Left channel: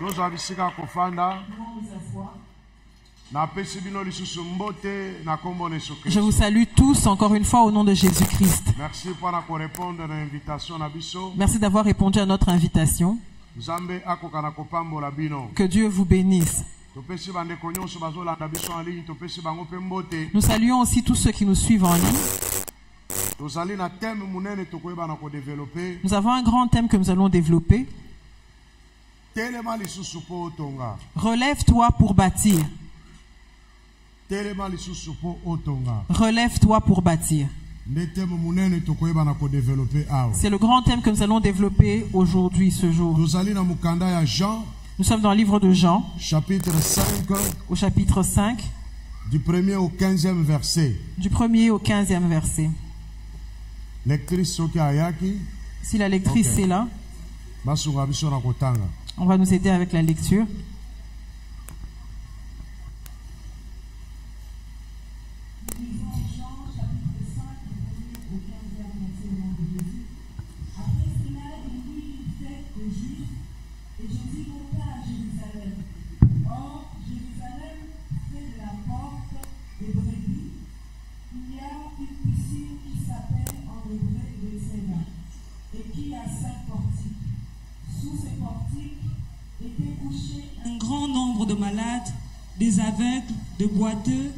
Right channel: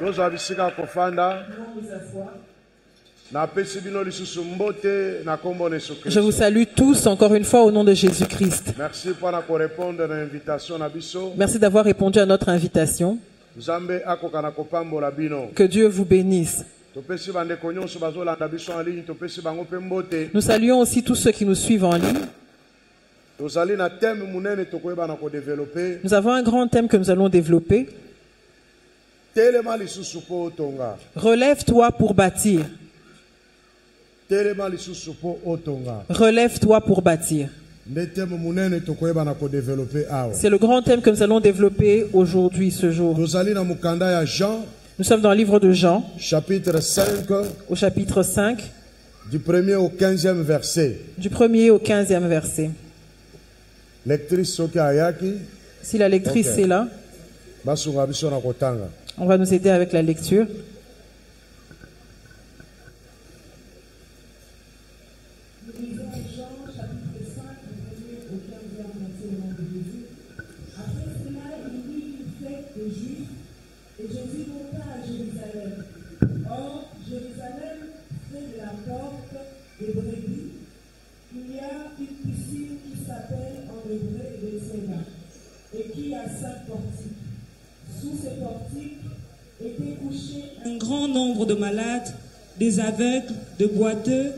Je vous salue tous encore une fois au nom de Jésus-Christ. Merci d'avoir répondu à notre invitation. Que Dieu vous bénisse. Nous saluons aussi tous ceux qui nous suivent en ligne. Nous avons un grand thème que nous allons développer. Relève-toi pour bâtir. Relève-toi pour bâtir. C'est le grand thème que nous allons développer aujourd'hui, ce jour. Nous sommes dans le livre de Jean, chapitre 5, au chapitre 5, du 1er au 15e verset. Du 1er au 15e verset. Si la lectrice est là, on va nous aider avec la lecture. Un grand nombre de malades, des aveugles, de boiteux,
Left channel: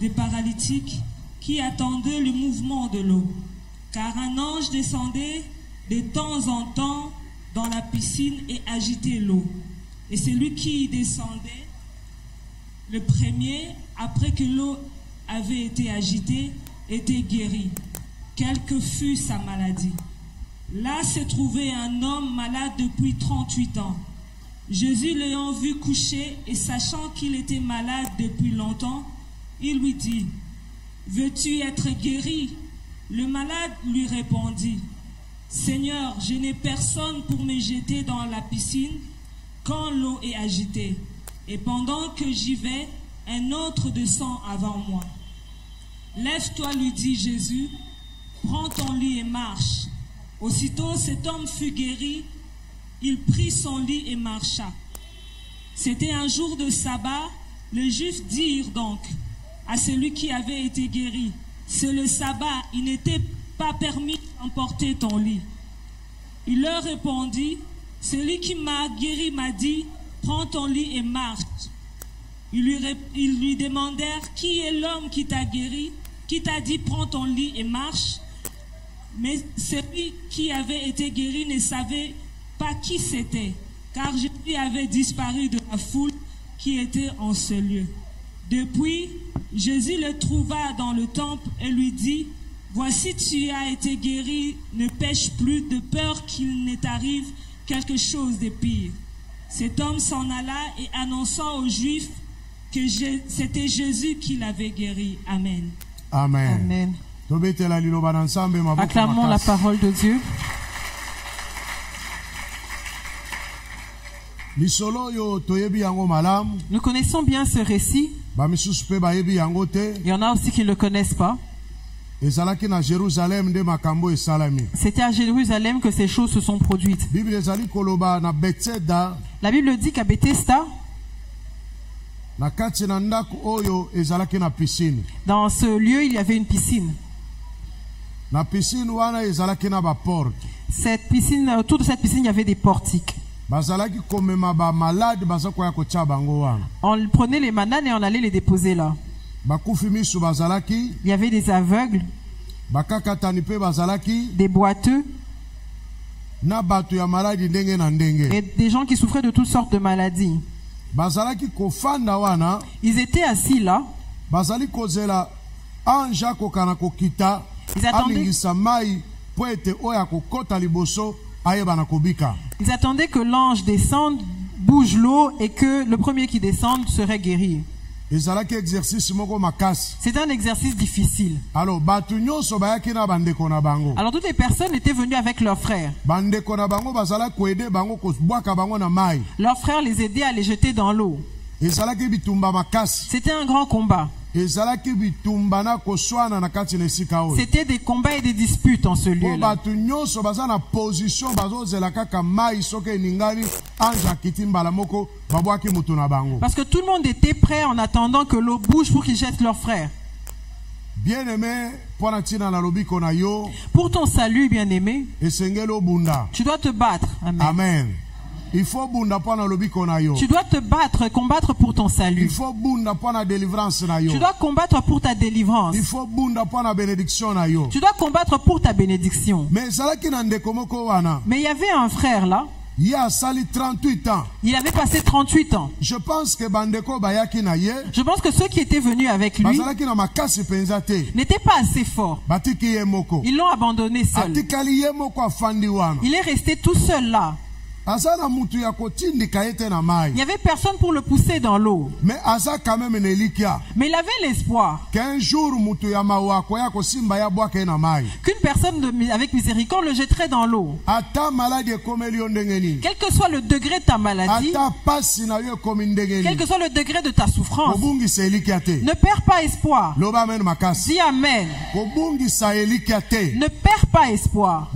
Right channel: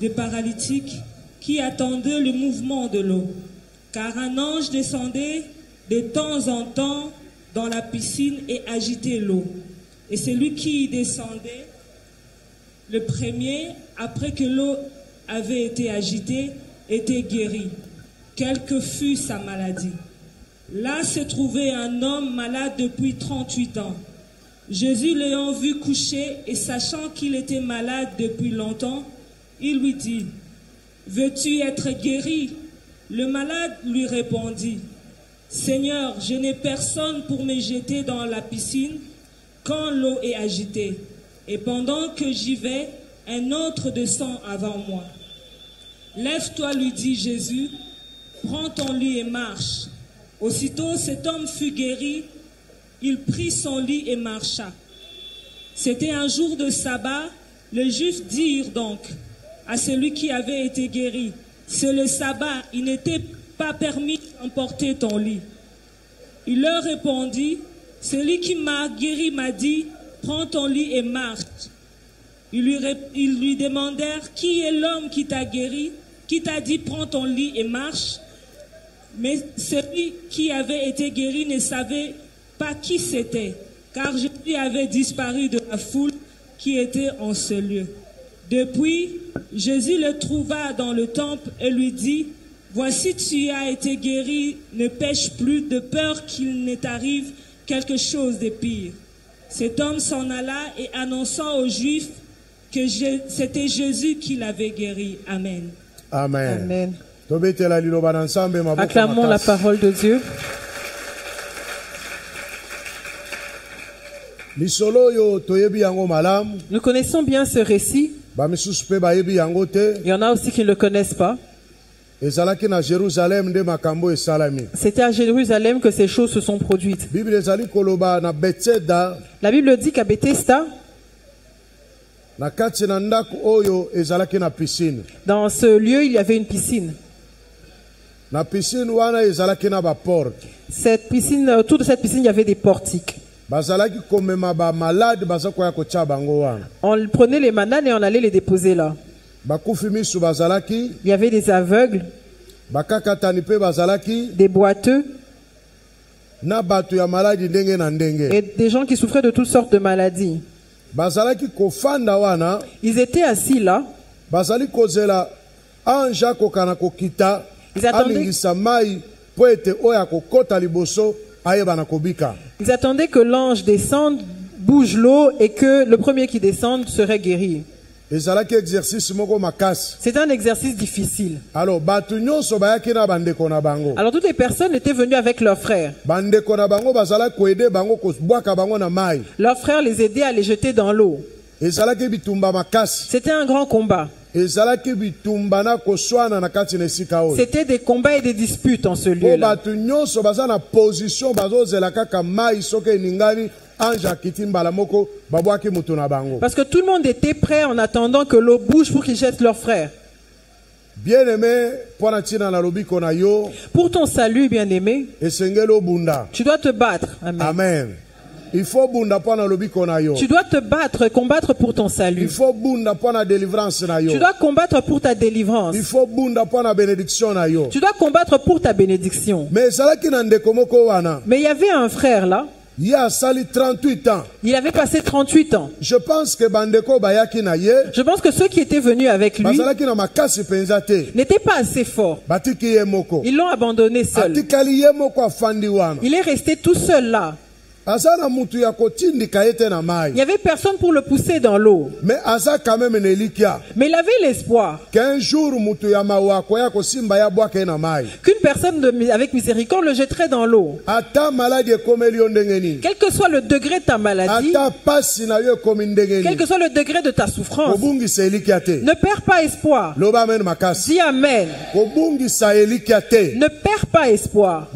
des paralytiques qui attendaient le mouvement de l'eau. Car un ange descendait de temps en temps dans la piscine et agitait l'eau. Et celui qui y descendait, le premier, après que l'eau avait été agitée, était guéri, quelle que fût sa maladie. Là se trouvait un homme malade depuis 38 ans. Jésus l'ayant vu coucher et sachant qu'il était malade depuis longtemps, il lui dit, « Veux-tu être guéri ?» Le malade lui répondit, « Seigneur, je n'ai personne pour me jeter dans la piscine quand l'eau est agitée. Et pendant que j'y vais, un autre descend avant moi. » « Lève-toi, lui dit Jésus, prends ton lit et marche. » Aussitôt cet homme fut guéri, il prit son lit et marcha. C'était un jour de sabbat. Les Juifs dirent donc à celui qui avait été guéri, « C'est le sabbat, il n'était pas permis d'emporter ton lit. » Il leur répondit, « Celui qui m'a guéri m'a dit, prends ton lit et marche. » Ils lui demandèrent, « Qui est l'homme qui t'a guéri, qui t'a dit, prends ton lit et marche ?» Mais celui qui avait été guéri ne savait pas qui c'était, car Jésus avait disparu de la foule qui était en ce lieu. Depuis, Jésus le trouva dans le temple et lui dit, « Voici, tu as été guéri, ne pêche plus, de peur qu'il ne t'arrive quelque chose de pire. » Cet homme s'en alla et annonçant aux Juifs que c'était Jésus qui l'avait guéri. Amen. Amen. Amen. Acclamons la parole de Dieu. Nous connaissons bien ce récit. Il y en a aussi qui ne le connaissent pas. C'était à Jérusalem que ces choses se sont produites. La Bible dit qu'à Bethesda, dans ce lieu, il y avait une piscine. Cette piscine, autour de cette piscine, il y avait des portiques. On prenait les malades et on allait les déposer là. Il y avait des aveugles, des boiteux et des gens qui souffraient de toutes sortes de maladies. Ils étaient assis là. Ils attendaient que l'ange descende, bouge l'eau et que le premier qui descende serait guéri. C'est un exercice difficile. Alors toutes les personnes étaient venues avec leurs frères. Leurs frères les aidaient à les jeter dans l'eau. C'était un grand combat. C'était des combats et des disputes en ce lieu-là. Parce que tout le monde était prêt en attendant que l'eau bouge pour qu'ils jettent leurs frères. Bien-aimé, pour ton salut, bien-aimé, tu dois te battre. Amen. Amen. Il faut tu dois te battre, combattre pour ton salut. Il faut délivrance. Tu dois combattre pour ta délivrance. Il faut bénédiction. Tu dois combattre pour ta bénédiction. Mais il y avait un frère là. Il a sali 38 ans. Il avait passé 38 ans. Je pense que ceux qui étaient venus avec lui n'étaient pas assez forts. Ils l'ont abandonné seul. Il est resté tout seul là. Il n'y avait personne pour le pousser dans l'eau. Mais il avait l'espoir qu'un jour qu'une personne avec miséricorde le jetterait dans l'eau. Quel que soit le degré de ta maladie, quel que soit le degré de ta souffrance, ne perds pas espoir. Dis Amen. Ne perds pas espoir.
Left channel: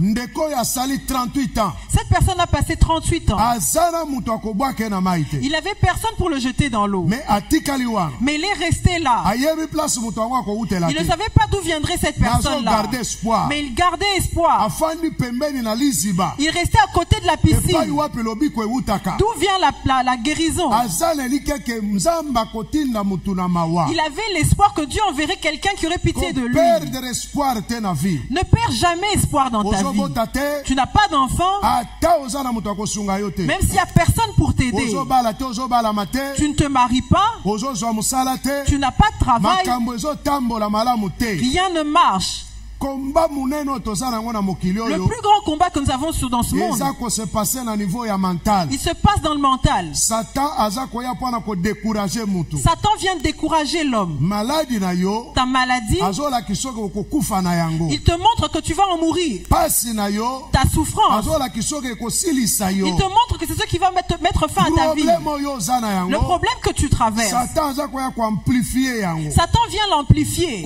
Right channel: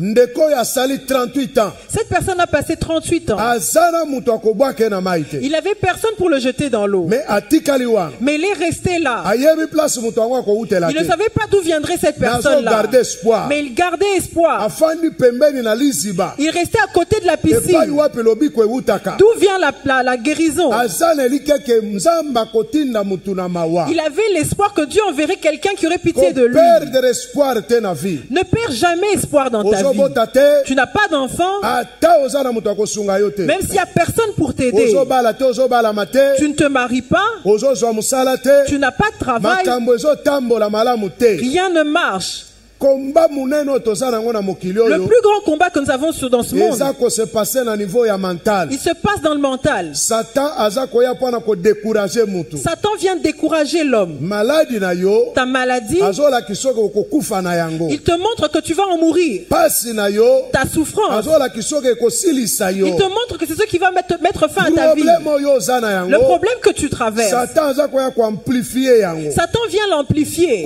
Cette personne a passé 38 ans. Il n'avait personne pour le jeter dans l'eau. Mais il est resté là. Il ne savait pas d'où viendrait cette personne-là. Mais il gardait espoir. Il restait à côté de la piscine. D'où vient la guérison? Il avait l'espoir que Dieu enverrait quelqu'un qui aurait pitié de lui. Ne perds jamais espoir dans ta vie. Tu n'as pas d'enfant. Même s'il n'y a personne pour t'aider, tu ne te maries pas, tu n'as pas de travail, rien ne marche. Le plus grand combat que nous avons dans ce monde, il se passe dans le mental. Satan vient décourager l'homme. Ta maladie, il te montre que tu vas en mourir. Ta souffrance, il te montre que c'est ce qui va mettre fin à ta vie. Le problème que tu traverses, Satan vient l'amplifier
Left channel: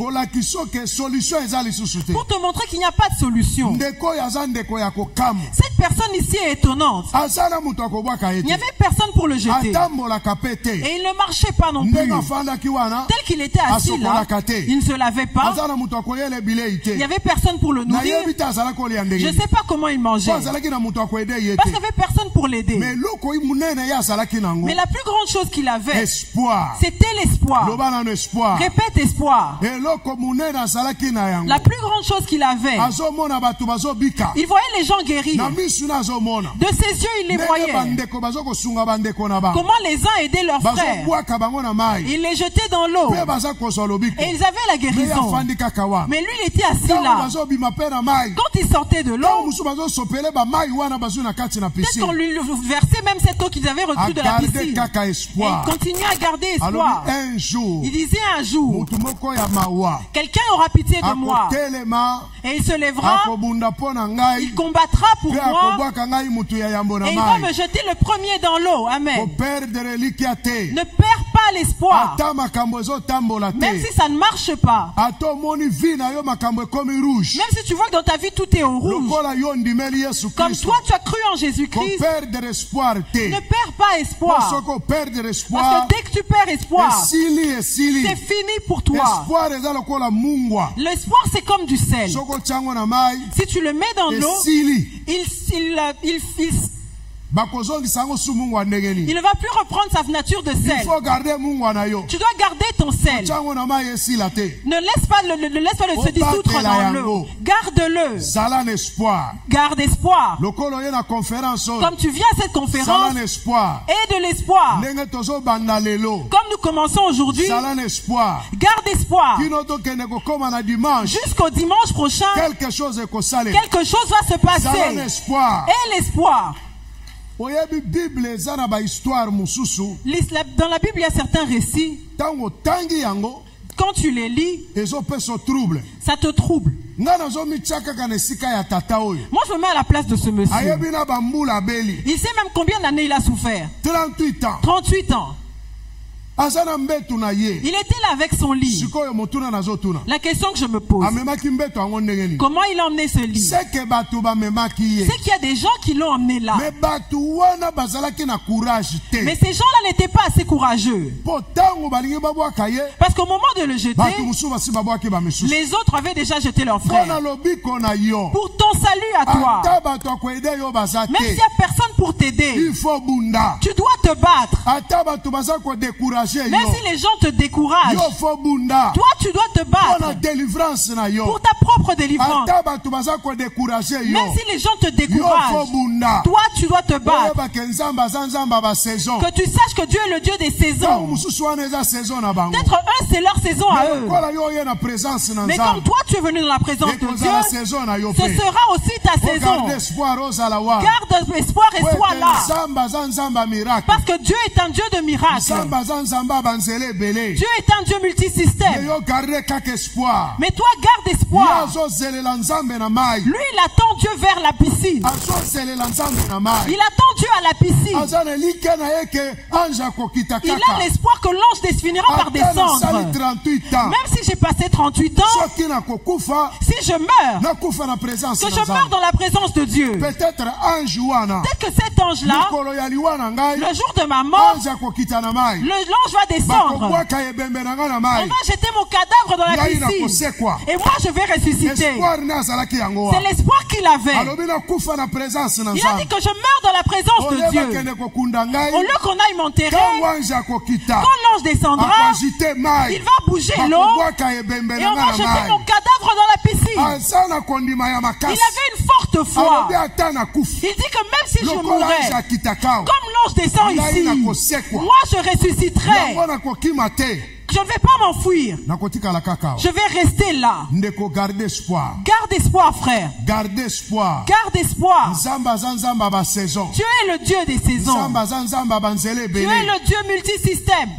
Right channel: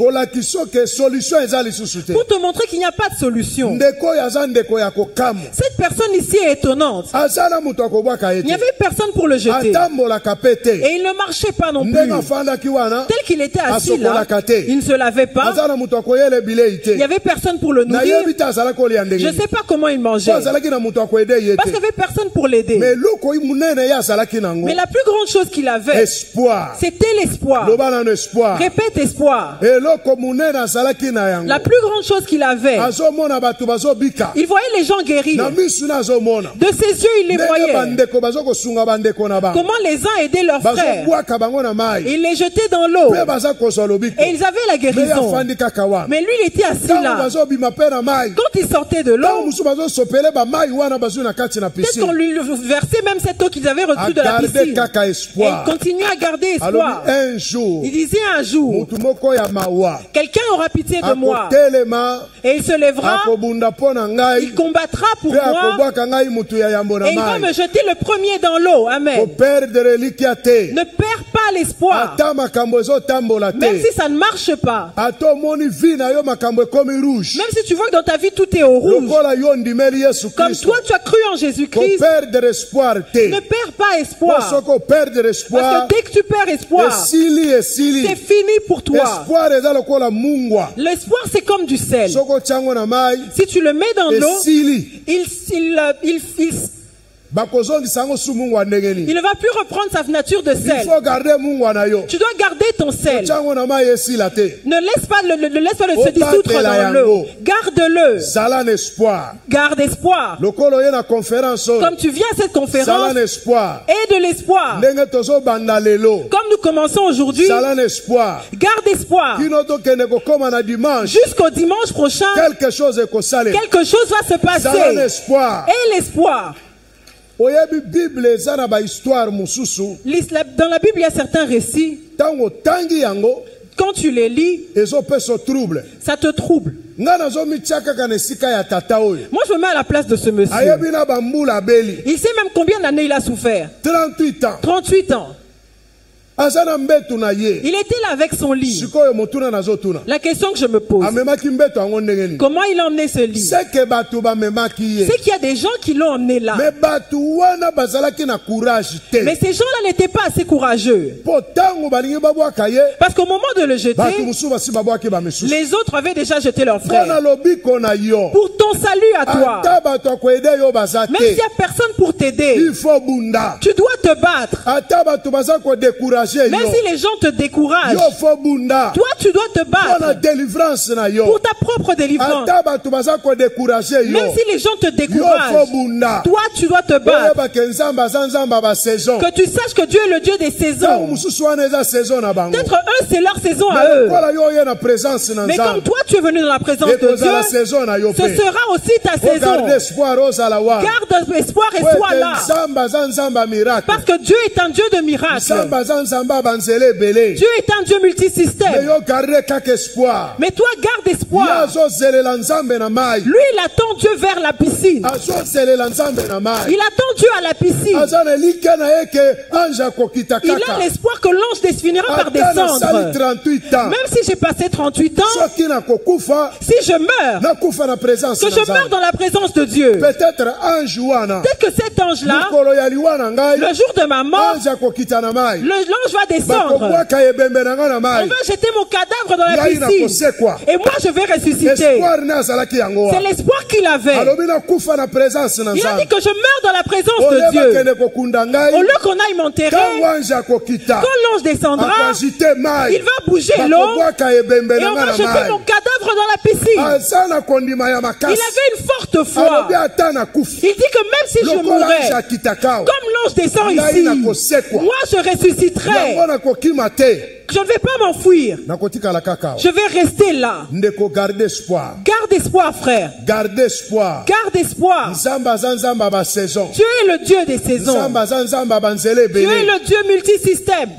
pour te montrer qu'il n'y a pas de solution. Cette personne ici est étonnante. Il n'y avait personne pour le jeter. Et il ne marchait pas non plus. Tel qu'il était assis là, il ne se lavait pas. Il n'y avait personne pour le nourrir. Je ne sais pas comment il mangeait. Parce qu'il n'y avait personne pour l'aider. Mais la plus grande chose qu'il avait, c'était l'espoir. Répète espoir. La plus grande chose qu'il avait, il voyait les gens guérir. De ses yeux, il les voyait. Comment les uns aidaient leurs frères. Il les jetait dans l'eau. Et ils avaient la guérison. Mais lui, il était assis là. Quand il sortait de l'eau, peut-être qu'on lui versait même cette eau qu'ils avaient reçue de la piscine. Et il continuait à garder espoir. Il disait un jour, quelqu'un aura pitié de moi. Et il se lèvera, il combattra pour moi, et il va me jeter le premier dans l'eau. Amen. Ne perds pas l'espoir. Même si ça ne marche pas. Même si tu vois que dans ta vie tout est au rouge. Comme toi tu as cru en Jésus-Christ, ne perds pas espoir. Parce que dès que tu perds espoir, c'est fini pour toi. L'espoir c'est comme du sel. Si tu le mets dans l'eau, il ne va plus reprendre sa nature de sel. Tu dois garder ton sel. Ne laisse pas le se dissoudre dans l'eau. Garde-le. Garde espoir. Comme tu viens à cette conférence, aie de l'espoir. Comme nous commençons aujourd'hui, garde espoir. Jusqu'au dimanche prochain, quelque chose va se passer. Aie l'espoir. Dans la Bible, il y a certains récits. Quand tu les lis, ça te trouble. Moi, je me mets à la place de ce monsieur. Il sait même combien d'années il a souffert. 38 ans. Il était là avec son lit. La question que je me pose, comment il a emmené ce lit? C'est qu'il y a des gens qui l'ont emmené là. Mais ces gens-là n'étaient pas assez courageux. Parce qu'au moment de le jeter, les autres avaient déjà jeté leur frère. Pour ton salut à toi, même s'il n'y a personne pour t'aider, tu dois te battre. Même si les gens te découragent, toi tu dois te battre pour ta propre délivrance. Même si les gens te découragent, toi tu dois te battre. Que tu saches que Dieu est le Dieu des saisons. Peut-être eux c'est leur saison à eux. Mais comme toi tu es venu dans la présence de Dieu, ce sera aussi ta saison. Garde espoir et sois là. Parce que Dieu est un Dieu de miracles. Dieu est un Dieu multisystème. Mais toi garde espoir. Lui il attend Dieu vers la piscine. Il attend Dieu à la piscine. Il a l'espoir que l'ange finira par descendre. Même si j'ai passé 38 ans, si je meurs, que je meurs dans la présence de Dieu. Peut-être que cet ange-là, le jour de ma mort, l'ange va descendre. On va jeter mon cadavre dans la piscine. Et moi je vais ressusciter. C'est l'espoir qu'il avait. Il a dit que je meurs dans la présence de Dieu. Au lieu qu'on aille m'enterrer, quand l'ange descendra, il va bouger l'eau et on va jeter mon cadavre dans la piscine. Il avait une forte foi. Il dit que même si je mourrais, comme l'ange descend ici, moi je ressusciterai. Je ne vais pas m'enfuir. Je vais rester là. Garde espoir, frère. Garde espoir. Dieu est le Dieu des saisons. Dieu est le Dieu multisystème.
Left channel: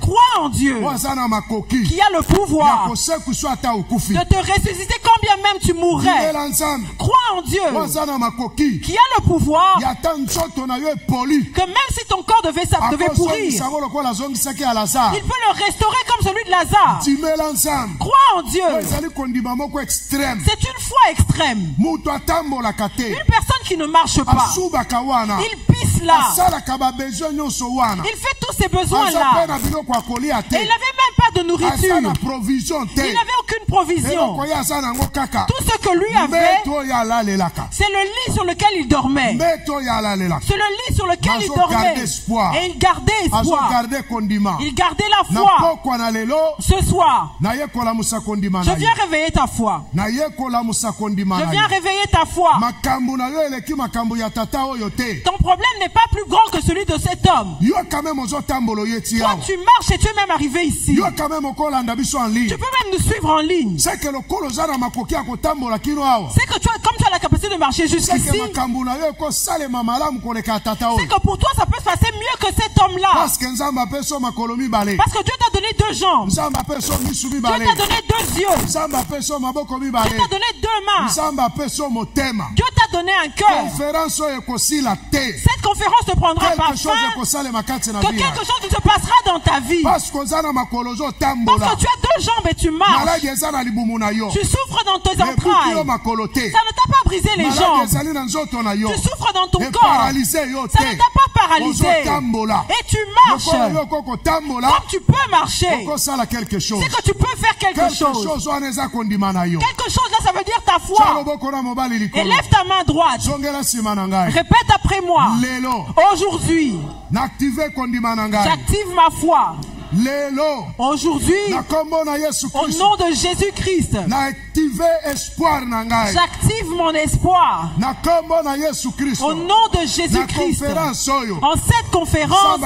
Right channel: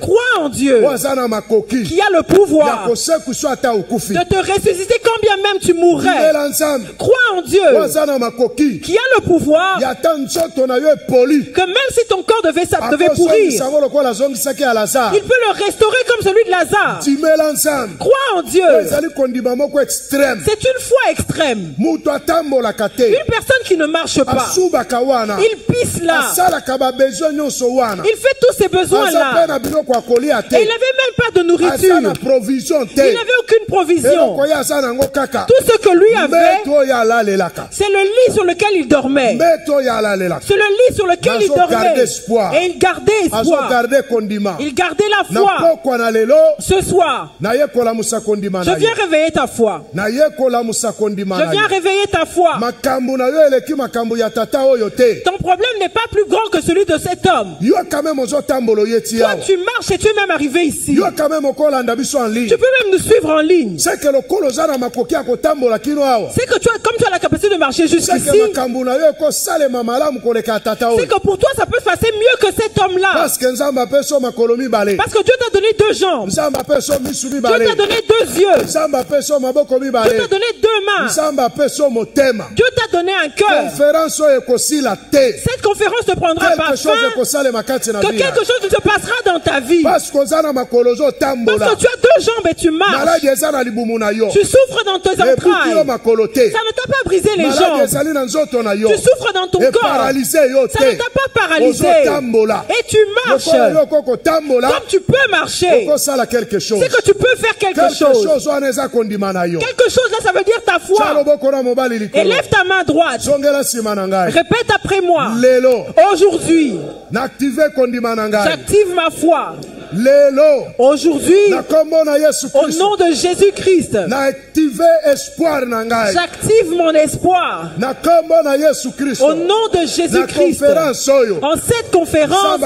Crois en Dieu qui a le pouvoir de te ressusciter quand bien même tu mourrais. Crois en Dieu qui a le pouvoir que même si ton corps devait pourrir, il peut le restaurer comme celui de Lazare. Crois en Dieu. C'est une foi extrême. Une personne qui ne marche pas, il pisse là, il fait tous ses besoins là, et il n'avait même pas de nourriture, il n'avait aucune provision. Tout ce que lui avait, c'est le lit sur lequel il dormait. C'est le lit sur lequel il dormait. Et il gardait espoir. Il gardait la foi. Ce soir, je viens réveiller ta foi. Je viens réveiller ta foi. Ton problème n'est pas plus grand que celui de cet homme. Toi, tu marches et tu es même arrivé ici. Tu peux même nous suivre en ligne. C'est que toi, comme tu as la capacité de marcher jusqu'ici, c'est que pour toi, ça peut se passer mieux que cet homme-là. Parce que Dieu t'a donné 2 jambes. Dieu t'a donné 2 yeux. Dieu t'a donné 2 mains. Dieu t'a donné un cœur. Cette conférence ne prendra pas fin que quelque chose ne se passera dans ta vie. Parce que tu as 2 jambes et tu marches. Tu souffres dans tes entrailles. Ça ne t'a pas brisé les jambes. Tu souffres dans ton corps. Ça ne t'a pas paralysé. Et tu marches. Comme tu peux marcher, c'est que tu peux faire quelque chose. Quelque chose là, ça veut dire ta foi. Et lève ta main droite. Répète après moi. Aujourd'hui, j'active ma foi. Aujourd'hui, au nom de Jésus-Christ, j'active mon espoir. Au nom de Jésus-Christ, en cette conférence,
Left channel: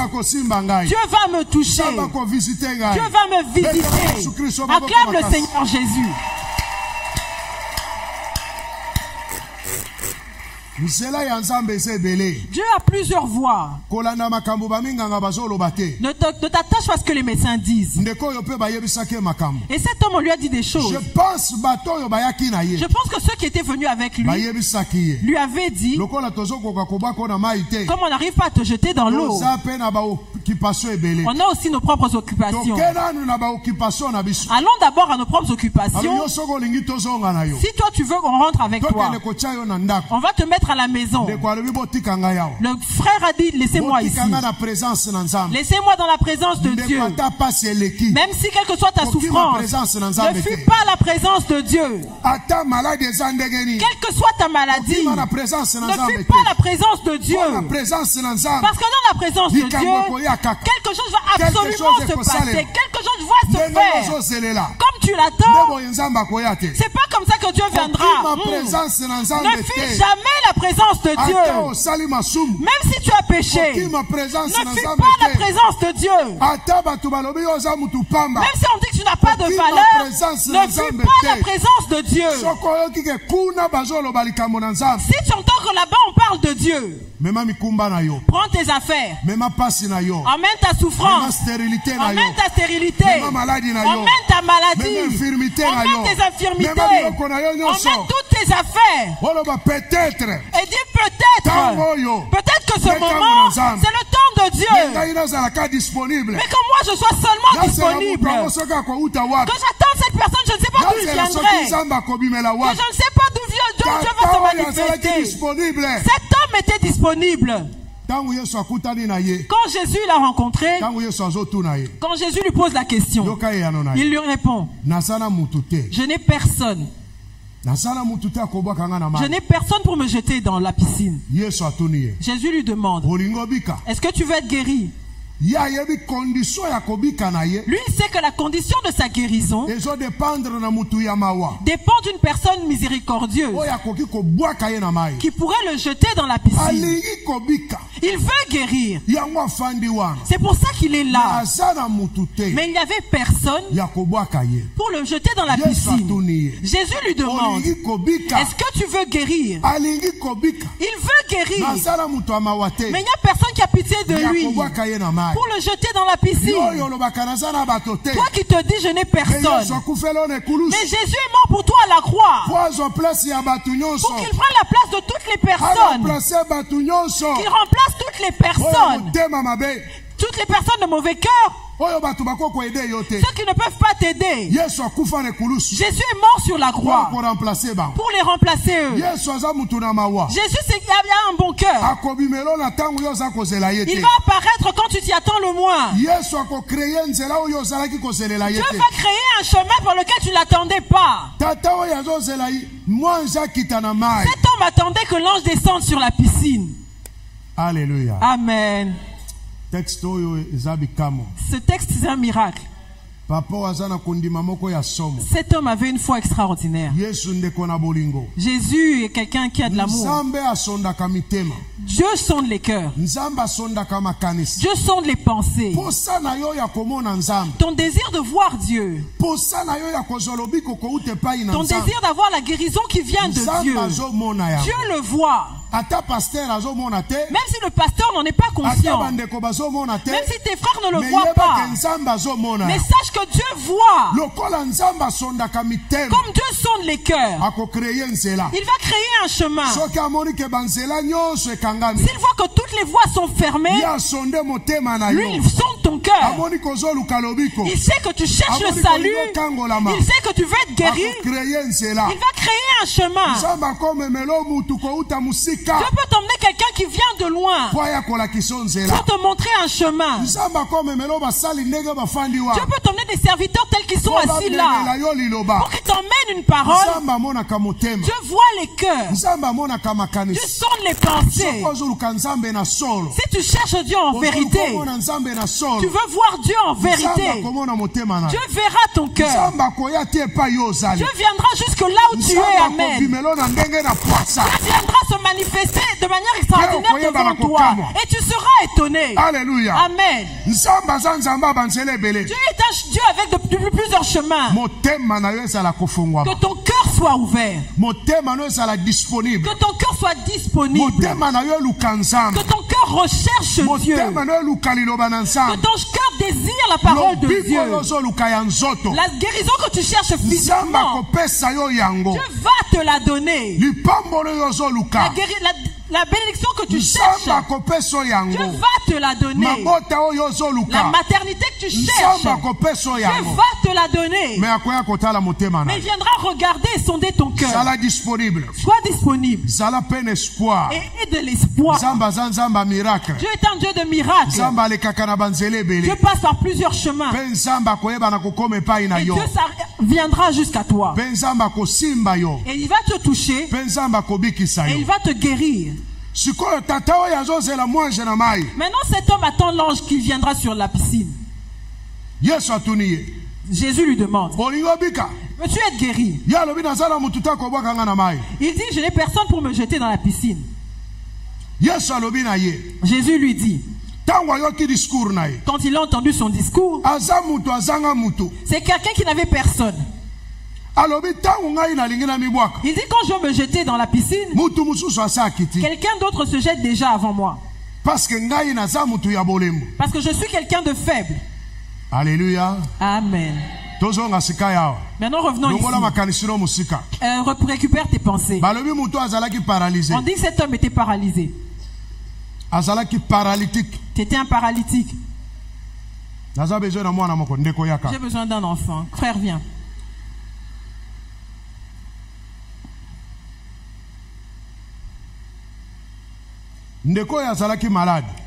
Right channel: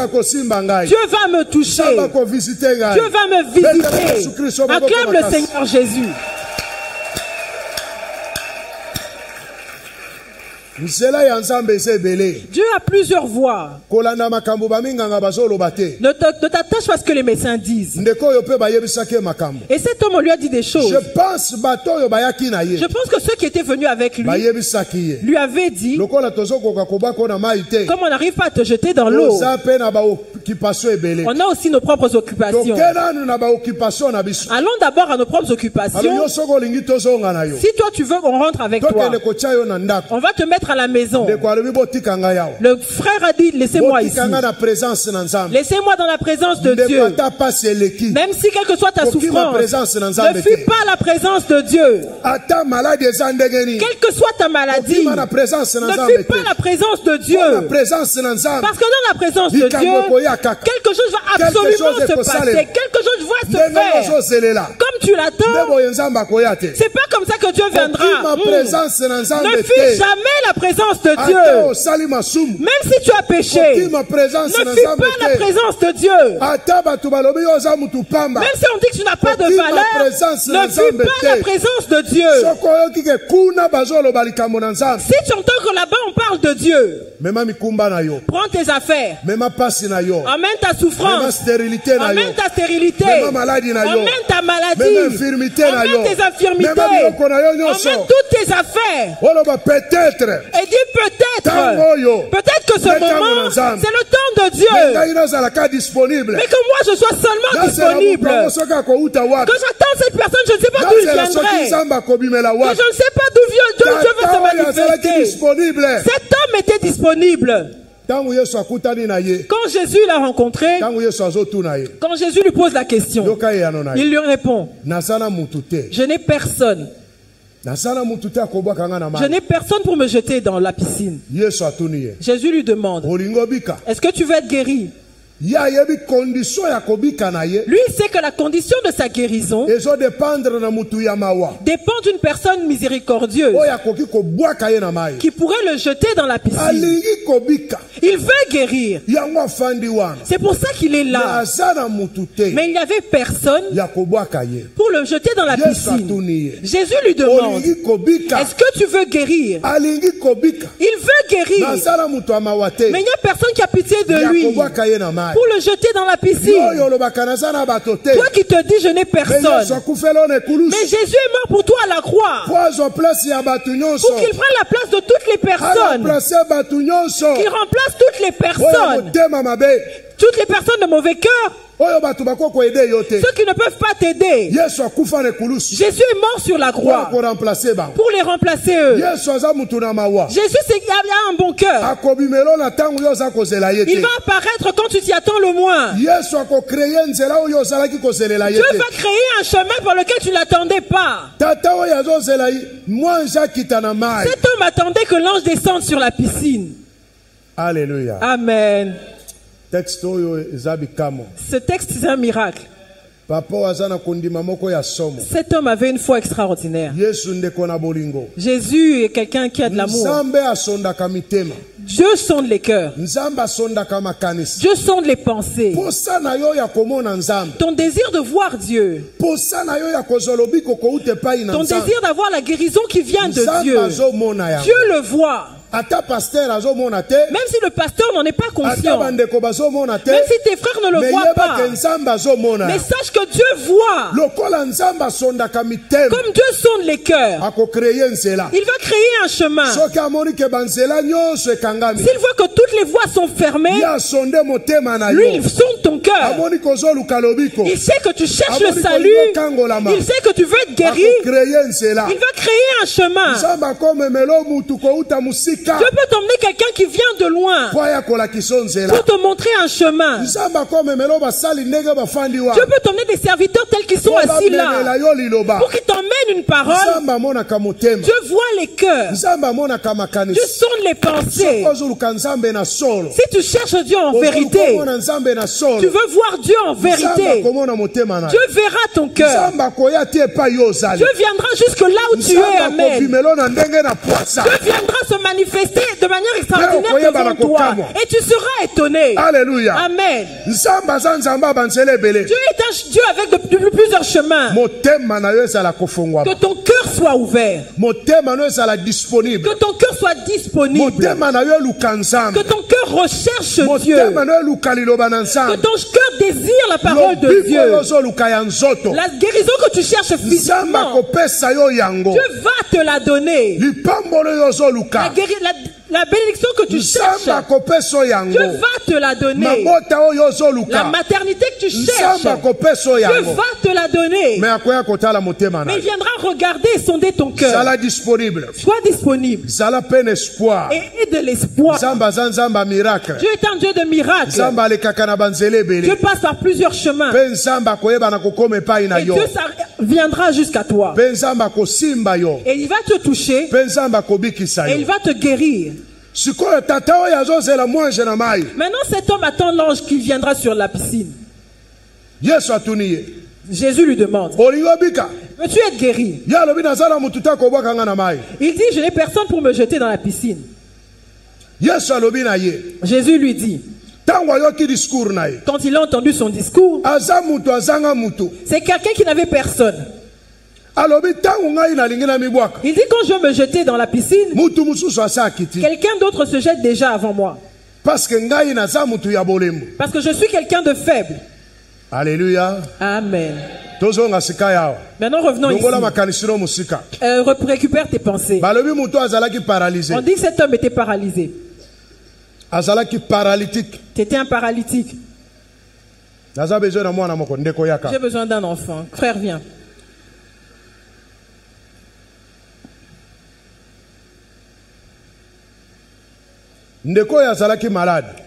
Dieu va me toucher. Dieu va me visiter. Acclame le Seigneur Jésus. Dieu a plusieurs voix. Ne t'attache pas à ce que les médecins disent. Et cet homme, on lui a dit des choses. Je pense que ceux qui étaient venus avec lui avaient dit, comme on n'arrive pas à te jeter dans l'eau, On a aussi nos propres occupations. Allons d'abord à nos propres occupations. Si toi tu veux qu'on rentre avec toi, on va te mettre à la maison. Le frère a dit, laissez-moi ici. Laissez-moi dans la présence de Dieu. Même si quelle que soit ta souffrance, ne fuis pas la présence de Dieu. Quelle que soit ta maladie, ne fuis pas la présence de Dieu. Parce que dans la présence de Dieu, quelque chose va absolument se passer. Quelque chose va se faire. Comme tu l'attends, c'est pas comme ça que Dieu viendra. Ne fuis jamais la présence de Dieu. Même si tu as péché, ne fuis pas la présence de Dieu. Même si on dit que tu n'as pas de valeur, ne fuis pas la présence de Dieu. Si tu entends que là-bas on parle de Dieu, prends tes affaires, emmène ta souffrance, emmène ta stérilité, emmène ta maladie, emmène tes infirmités, emmène toutes tes affaires. Et dis peut-être que ce moment, c'est le temps de Dieu. Mais que moi je sois seulement disponible. Que j'attends cette personne, je ne sais pas d'où il viendrait. Que je ne sais pas d'où Dieu va se manifester. Cet homme était disponible. Quand Jésus l'a rencontré, quand Jésus lui pose la question, il lui répond, je n'ai personne. Je n'ai personne pour me jeter dans la piscine. Jésus lui demande, est-ce que tu veux être guéri? Lui, il sait que la condition de sa guérison dépend d'une personne miséricordieuse qui pourrait le jeter dans la piscine. Il veut guérir. C'est pour ça qu'il est là. Mais il n'y avait personne pour le jeter dans la piscine. Jésus lui demande, est-ce que tu veux guérir? Il veut guérir. Mais il n'y a personne qui a pitié de lui pour le jeter dans la piscine. Toi qui te dis je n'ai personne. Mais Jésus est mort pour toi à la croix. Pour qu'il prenne la place de toutes les personnes. Qu'il remplace toutes les personnes. Toutes les personnes de mauvais cœur. Ceux qui ne peuvent pas t'aider. Jésus est mort sur la croix pour les remplacer eux. Jésus il a un bon cœur. Il va apparaître quand tu t'y attends le moins. Dieu va créer un chemin par lequel tu ne l'attendais pas. Cet homme attendait que l'ange descende sur la piscine. Alléluia. Amen. Ce texte, c'est un miracle. Cet homme avait une foi extraordinaire. Jésus est quelqu'un qui a de l'amour. Dieu sonde les cœurs. Dieu sonde les pensées. Ton désir de voir Dieu. Ton désir d'avoir la guérison qui vient de Dieu. Dieu le voit. Même si le pasteur n'en est pas conscient, même si tes frères ne le voient pas, mais sache que Dieu voit. Comme Dieu sonde les cœurs, il va créer un chemin. S'il voit que toutes les voies sont fermées, lui il sonde ton cœur. Il sait que tu cherches le salut, il sait que tu veux être guéri. Il va créer un chemin. Dieu peut t'emmener quelqu'un qui vient de loin pour te montrer un chemin. Dieu peut t'emmener des serviteurs tels qu'ils sont assis là pour qu'ils t'emmènent une parole. Dieu voit les cœurs. Dieu sonde les pensées. Si tu cherches Dieu en vérité, tu veux voir Dieu en vérité, Dieu verra ton cœur. Dieu viendra jusque là où tu es. Amen. Dieu viendra se manifester de manière extraordinaire devant toi et tu seras étonné. Alléluia. Amen. Dieu est un Dieu avec plusieurs chemins. Que ton cœur soit ouvert. Que ton cœur soit disponible. Que ton cœur recherche Dieu. Que ton cœur désire la parole de Dieu. La guérison que tu cherches physiquement, Dieu va te la donner. La bénédiction que tu cherches, Dieu va te la donner. La maternité que tu cherches, Dieu va te la donner. Mais il viendra regarder et sonder ton cœur. Sois disponible. Et de l'espoir. Dieu est un Dieu de miracles. Dieu passe par plusieurs chemins. Et Dieu viendra jusqu'à toi. Et il va te toucher. Et il va te guérir. Maintenant cet homme attend l'ange qui viendra sur la piscine. Jésus lui demande, veux-tu être guéri? Il dit, je n'ai personne pour me jeter dans la piscine. Jésus lui dit, quand il a entendu son discours, c'est quelqu'un qui n'avait personne. Il dit, quand je veux me jeter dans la piscine, quelqu'un d'autre se jette déjà avant moi. Parce que je suis quelqu'un de faible. Alléluia. Amen. Maintenant revenons ici. Récupère tes pensées. On dit que cet homme était paralysé. C'était un paralytique. J'ai besoin d'un enfant. Frère, viens.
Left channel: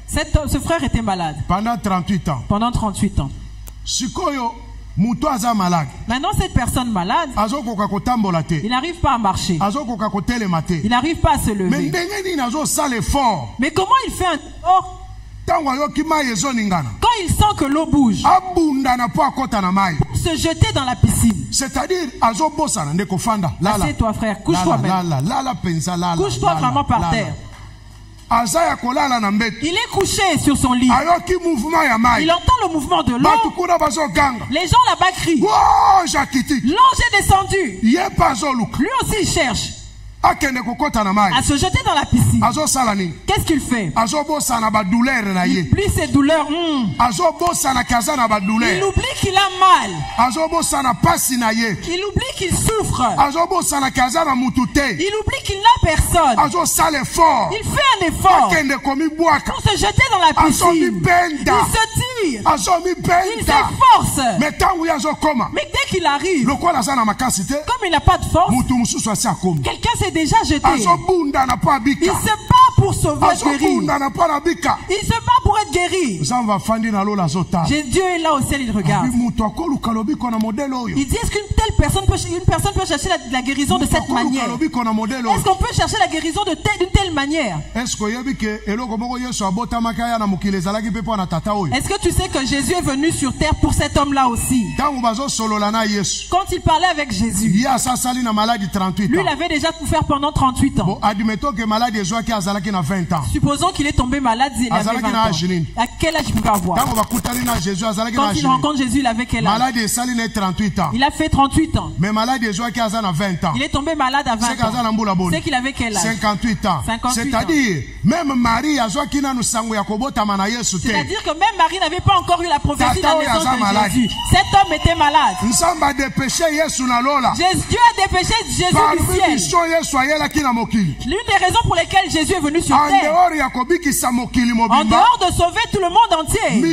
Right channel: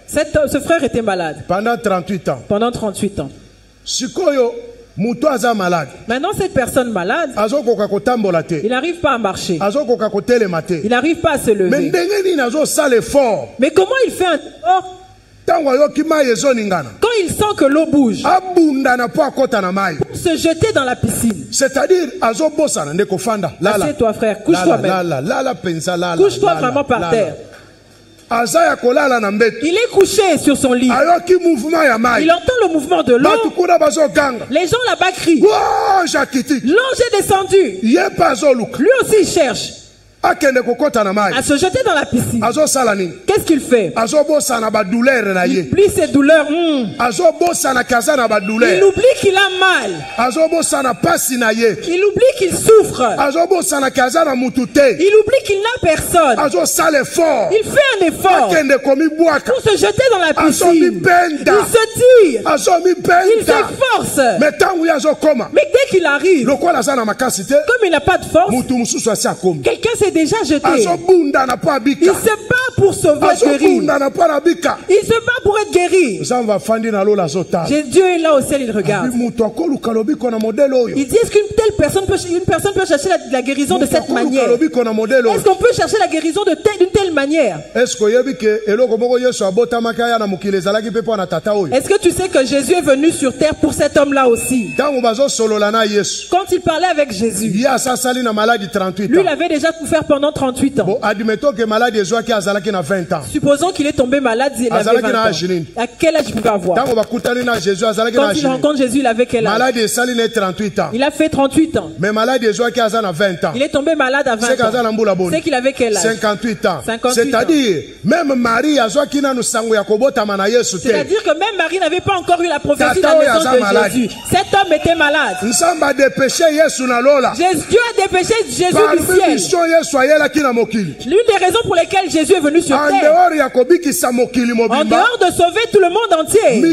Ce frère était malade. Pendant 38 ans. Maintenant cette personne malade, il n'arrive pas à marcher. Il n'arrive pas à se lever. Mais comment il fait un effort? Quand il sent que l'eau bouge, pour se jeter dans la piscine. C'est-à-dire, assieds-toi frère, couche-toi même. Couche-toi vraiment par terre. Il est couché sur son lit. Il entend le mouvement de l'eau. Les gens là-bas crient. L'ange est descendu. Lui aussi il cherche à se jeter dans la piscine. Qu'est-ce qu'il fait? Il plie ses douleurs. Il oublie qu'il a mal. Il oublie qu'il souffre. Il oublie qu'il n'a personne. Il fait un effort pour se jeter dans la piscine. Il se tire. Il s'efforce. Mais dès qu'il arrive, comme il n'a pas de force, quelqu'un s'est déjà jeté. Il se bat pour sauver, guérir. Il se bat pour être guéri. Dieu est là au ciel, il regarde. Il dit, est-ce qu'une telle personne peut chercher la guérison de cette manière? Est-ce qu'on peut chercher la guérison d'une telle manière? Est-ce que tu sais que Jésus est venu sur terre pour cet homme-là aussi? Quand il parlait avec Jésus, lui il avait déjà souffert pendant 38 ans. Supposons qu'il est tombé malade, il avait 20 ans. À quel âge il pouvait avoir? Quand il rencontre Jésus, il avait quel âge? Il a fait 38 ans. Il est tombé malade à 20 ans. C'est qu'il avait quel âge? 58 ans. C'est-à-dire, même Marie, c'est-à-dire que même Marie n'avait pas encore eu la prophétie de la naissance de Jésus. Cet homme était malade. Dieu a dépêché Jésus du ciel. L'une des raisons pour lesquelles Jésus est venu sur terre, en dehors de sauver tout le monde entier, une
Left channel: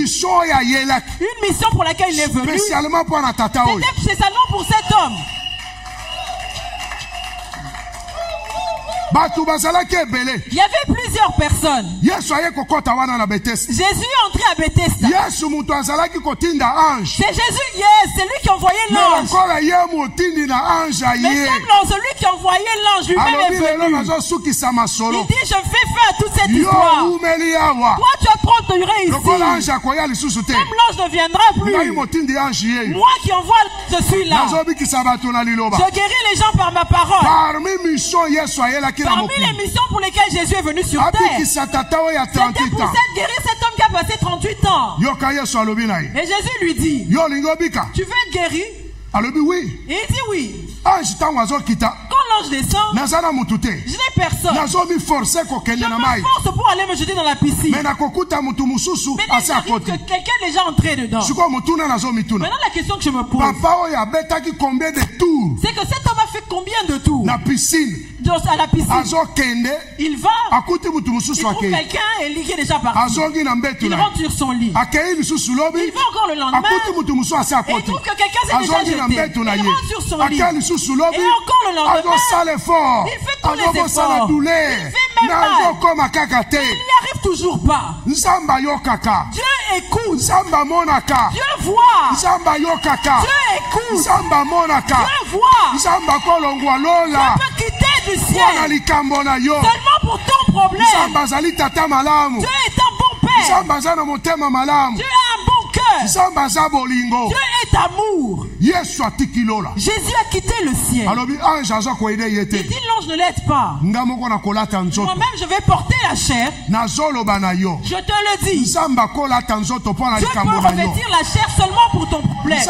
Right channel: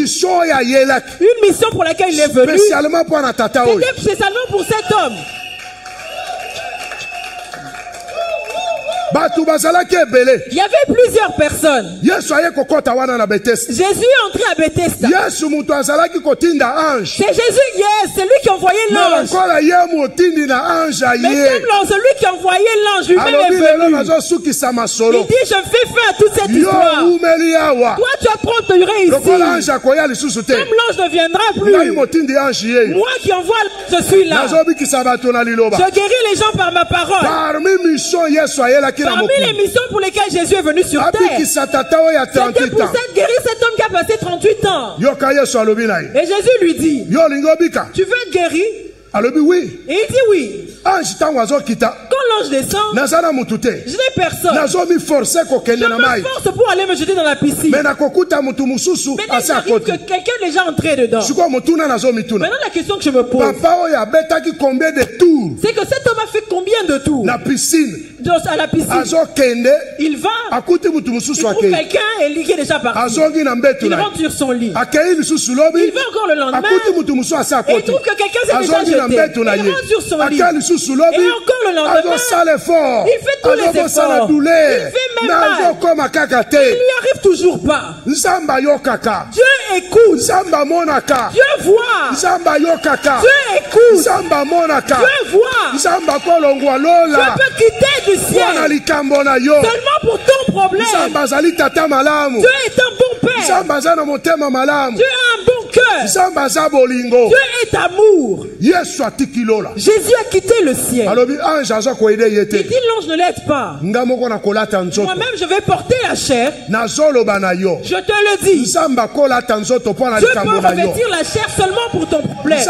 mission pour laquelle il est venu, c'était spécialement pour cet homme. Il y avait plusieurs personnes. Jésus est entré à Bethesda. C'est Jésus, c'est lui qui a envoyé l'ange. Mais comme celui qui a envoyé l'ange lui-même est venu, il dit, je fais fin à toute cette histoire. Toi tu as trop duré ici. Comme l'ange ne viendra plus, moi qui envoie, je suis là. Je guéris les gens par ma parole. Parmi les missions pour lesquelles Jésus est venu sur terre, c'était pour guérir cet homme qui a passé 38 ans. Et Jésus lui dit, tu veux être guéri? Oui. Et il dit oui. l'ange descend, je n'ai personne. Je me force pour aller me jeter dans la piscine. Mais il arrive que quelqu'un est déjà entré dedans. Maintenant la question que je me pose, c'est que cet homme a fait combien de tours à la piscine? Il va, il trouve quelqu'un qui est déjà parti. Il rentre sur son lit. Il va encore le lendemain et il trouve que quelqu'un s'est déjà jeté. Il rentre sur son lit. Et encore le lendemain, il fait tous les efforts. Il fait même mal. Il n'y arrive toujours pas. Dieu écoute. Dieu voit. Dieu écoute. Dieu voit. Dieu peut quitter du ciel seulement pour ton problème. Dieu est un bon père. Dieu a un bon cœur. Dieu est amour. Jésus a quitté le ciel. Il dit l'ange ne l'aide pas. Moi-même je vais porter la chair. Je te le dis. Dieu peut revêtir la chair seulement pour ton problème.